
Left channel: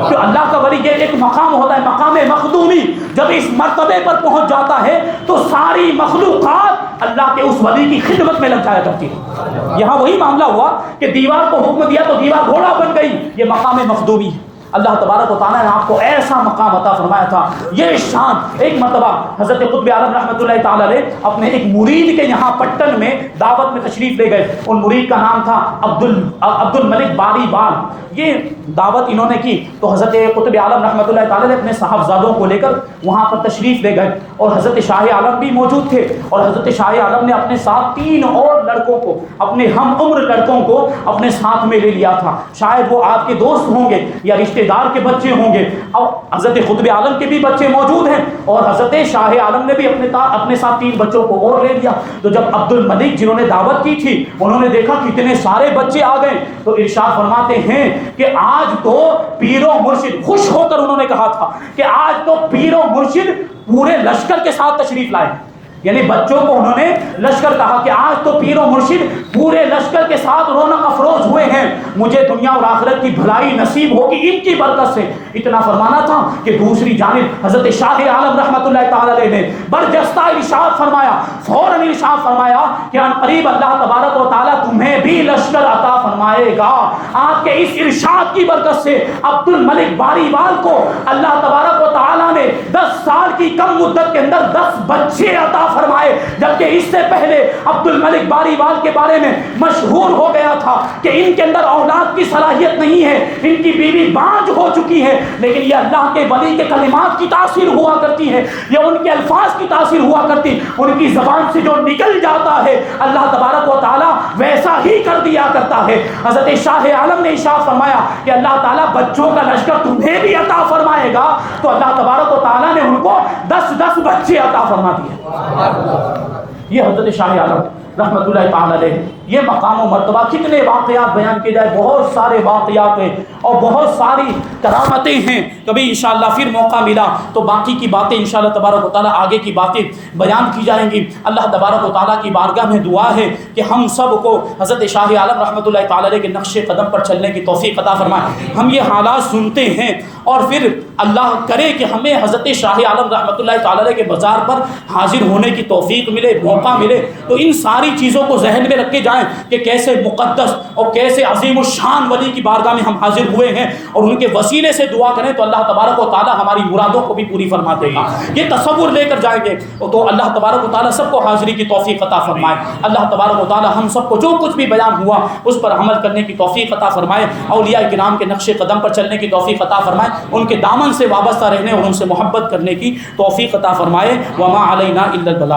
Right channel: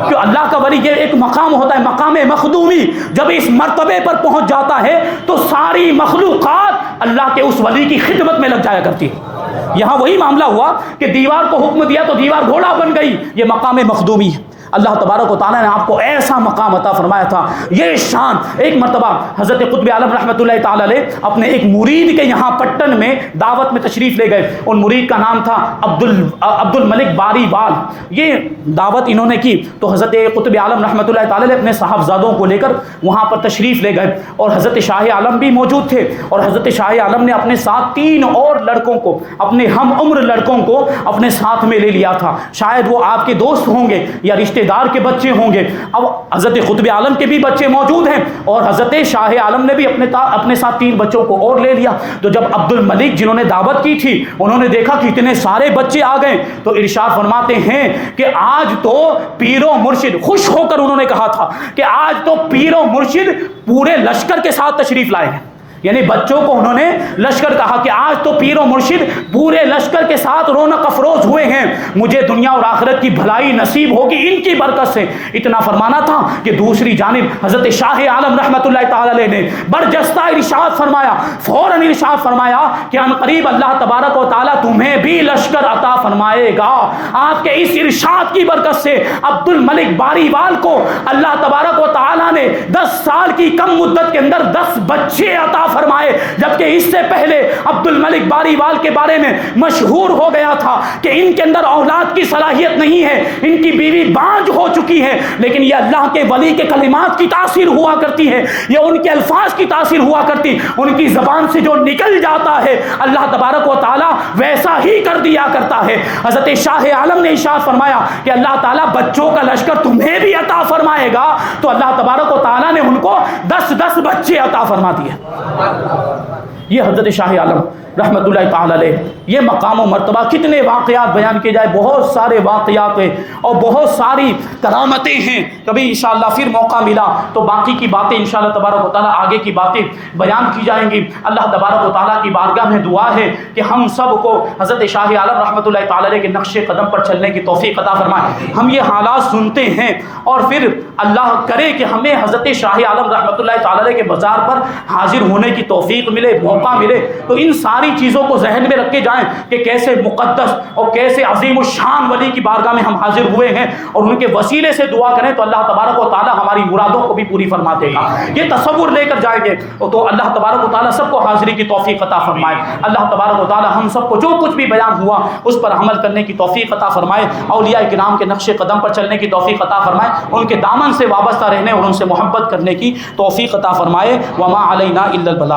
کہ اللہ کا ولی یہ ایک مقام ہوتا ہے، مقام مخدومی، جب اس مرتبے پر پہنچ جاتا ہے تو ساری مخلوقات اللہ کے اس ولی کی خدمت میں لگ جایا کرتی ہے۔ یہاں وہی معاملہ ہوا کہ دیوار کو حکم دیا تو دیوار گھوڑا بن گئی، یہ مقام مخدومی ہے۔ اللہ تبارک و تعالیٰ نے آپ کو ایسا مقام عطا فرمایا تھا، یہ شان۔ ایک مرتبہ حضرت قطب عالم رحمۃ اللہ تعالی علیہ اپنے ایک مرید کے یہاں پٹن میں دعوت میں تشریف لے گئے، ان مرید کا نام تھا عبد الملک باری وال۔ یہ دعوت انہوں نے کی تو حضرت قطب عالم رحمۃ اللہ تعالی علیہ اپنے صاحبزادوں کو لے کر وہاں پر تشریف لے گئے، اور حضرت شاہ عالم بھی موجود تھے، اور حضرت شاہ عالم نے اپنے ساتھ 3 اور لڑکوں کو، اپنے ہم عمر لڑکوں کو اپنے ساتھ میں لے لیا تھا، شاید وہ آپ کے دوست ہوں گے یا رشتے دار کے بچے ہوں گے۔ اب حضرت قطب عالم کے بھی بچے موجود ہیں، اور حضرت شاہ عالم نے بھی اپنے ساتھ 3 بچوں کو اور لے لیا۔ تو جب عبد الملک جنہوں نے دعوت کی تھی انہوں نے دیکھا کہ اتنے سارے بچے آ گئے، تو ارشاد فرماتے ہیں کہ آج تو پیر و مرشد، خوش ہو کر انہوں نے کہا تھا کہ آج تو پیر و مرشد پورے لشکر کے ساتھ تشریف لائے ہیں، یعنی بچوں کو انہوں نے لشکر کہا کہ آج تو پیر و مرشد پورے لشکر کے ساتھ رونق افروز ہوئے ہیں، مجھے دنیا اور آخرت کی بھلائی نصیب ہوگی ان کی برکت سے۔ اتنا فرمانا تھا کہ دوسری جانب حضرت شاہ عالم رحمۃ اللہ تعالی علیہ نے برجستہ ارشاد فرمایا، فوراً ارشاد فرمایا کہ ان قریب اللہ تبارک و تعالیٰ تمہیں بھی لشکر عطا فرمائے گا۔ آپ کے اس ارشاد کی برکت سے عبد الملک باری وال کو اللہ تبارک و تعالیٰ نے 10 سال کی کم مدت کے اندر 10 بچے عطا فرمائے، جبکہ اس سے پہلے عبد الملک باری وال کے بارے میں مشہور ہو گیا تھا کہ ان کے اندر اولاد کی صلاحیت نہیں ہے، ان کی بیوی بانج ہو چکی ہے، لیکن یہ اللہ کے ولی کے کلمات کی تاثیر ہوا کرتی ہے، یہ ان کے الفاظ کی تاثیر ہوا کرتی، ان کی زبان سے جو نکل جاتا ہے اللہ تبارک و تعالی ویسا ہی کر دیا کرتا ہے۔ حضرت شاہ عالم نے ارشاد فرمایا کہ اللہ تعالیٰ بچوں کا لشکر تمہیں بھی عطا فرمائے گا، تو اللہ تبارک و تعالیٰ نے ان کو 10 بچے عطا فرما دیے۔ یہ حضرت شاہ عالم رحمۃ اللہ تعالیٰ علیہ، یہ مقام و مرتبہ، کتنے واقعات بیان کیے جائے، بہت سارے واقعات ہیں اور بہت ساری کرامتیں ہیں۔ کبھی انشاءاللہ پھر موقع ملا تو باقی کی باتیں انشاءاللہ تبارک و تعالیٰ آگے کی باتیں بیان کی جائیں گی۔ اللہ تبارک و تعالیٰ کی بارگاہ میں دعا ہے کہ ہم سب کو حضرت شاہ عالم رحمۃ اللہ تعالیٰ علیہ کے نقش قدم پر چلنے کی توفیق عطا فرمائے۔ ہم یہ حالات سنتے ہیں اور پھر اللہ کرے کہ ہمیں حضرت شاہ عالم رحمۃ اللہ تعالیٰ علیہ کے بازار پر حاضر ہونے کی توفیق ملے، موقع ملے، تو ان ساری چیزوں کو ذہن میں رکھ کے جائیں کہ کیسے مقدس اور کیسے عظیم الشان ولی کی بارگاہ میں ہم حاضر ہوئے ہیں، اور ان کے وسیلے سے دعا کریں تو اللہ تبارک و تعالیٰ ہماری مرادوں کو بھی پوری فرما دے گا۔ یہ تصور لے کر جائیں گے تو اللہ تبارک و تعالیٰ سب کو حاضری کی توفیق عطا فرمائے۔ اللہ تبارک و تعالیٰ ہم سب کو جو کچھ بھی بیان ہوا اس پر عمل کرنے کی توفیق عطا فرمائے، اولیاء کرام کے نقش قدم پر چلنے کی توفیق عطا فرمائے، ان کے دامن سے وابستہ رہنے اور ان سے محبت کرنے کی توفیق عطا فرمائے۔ وما علینا الا البلاغ۔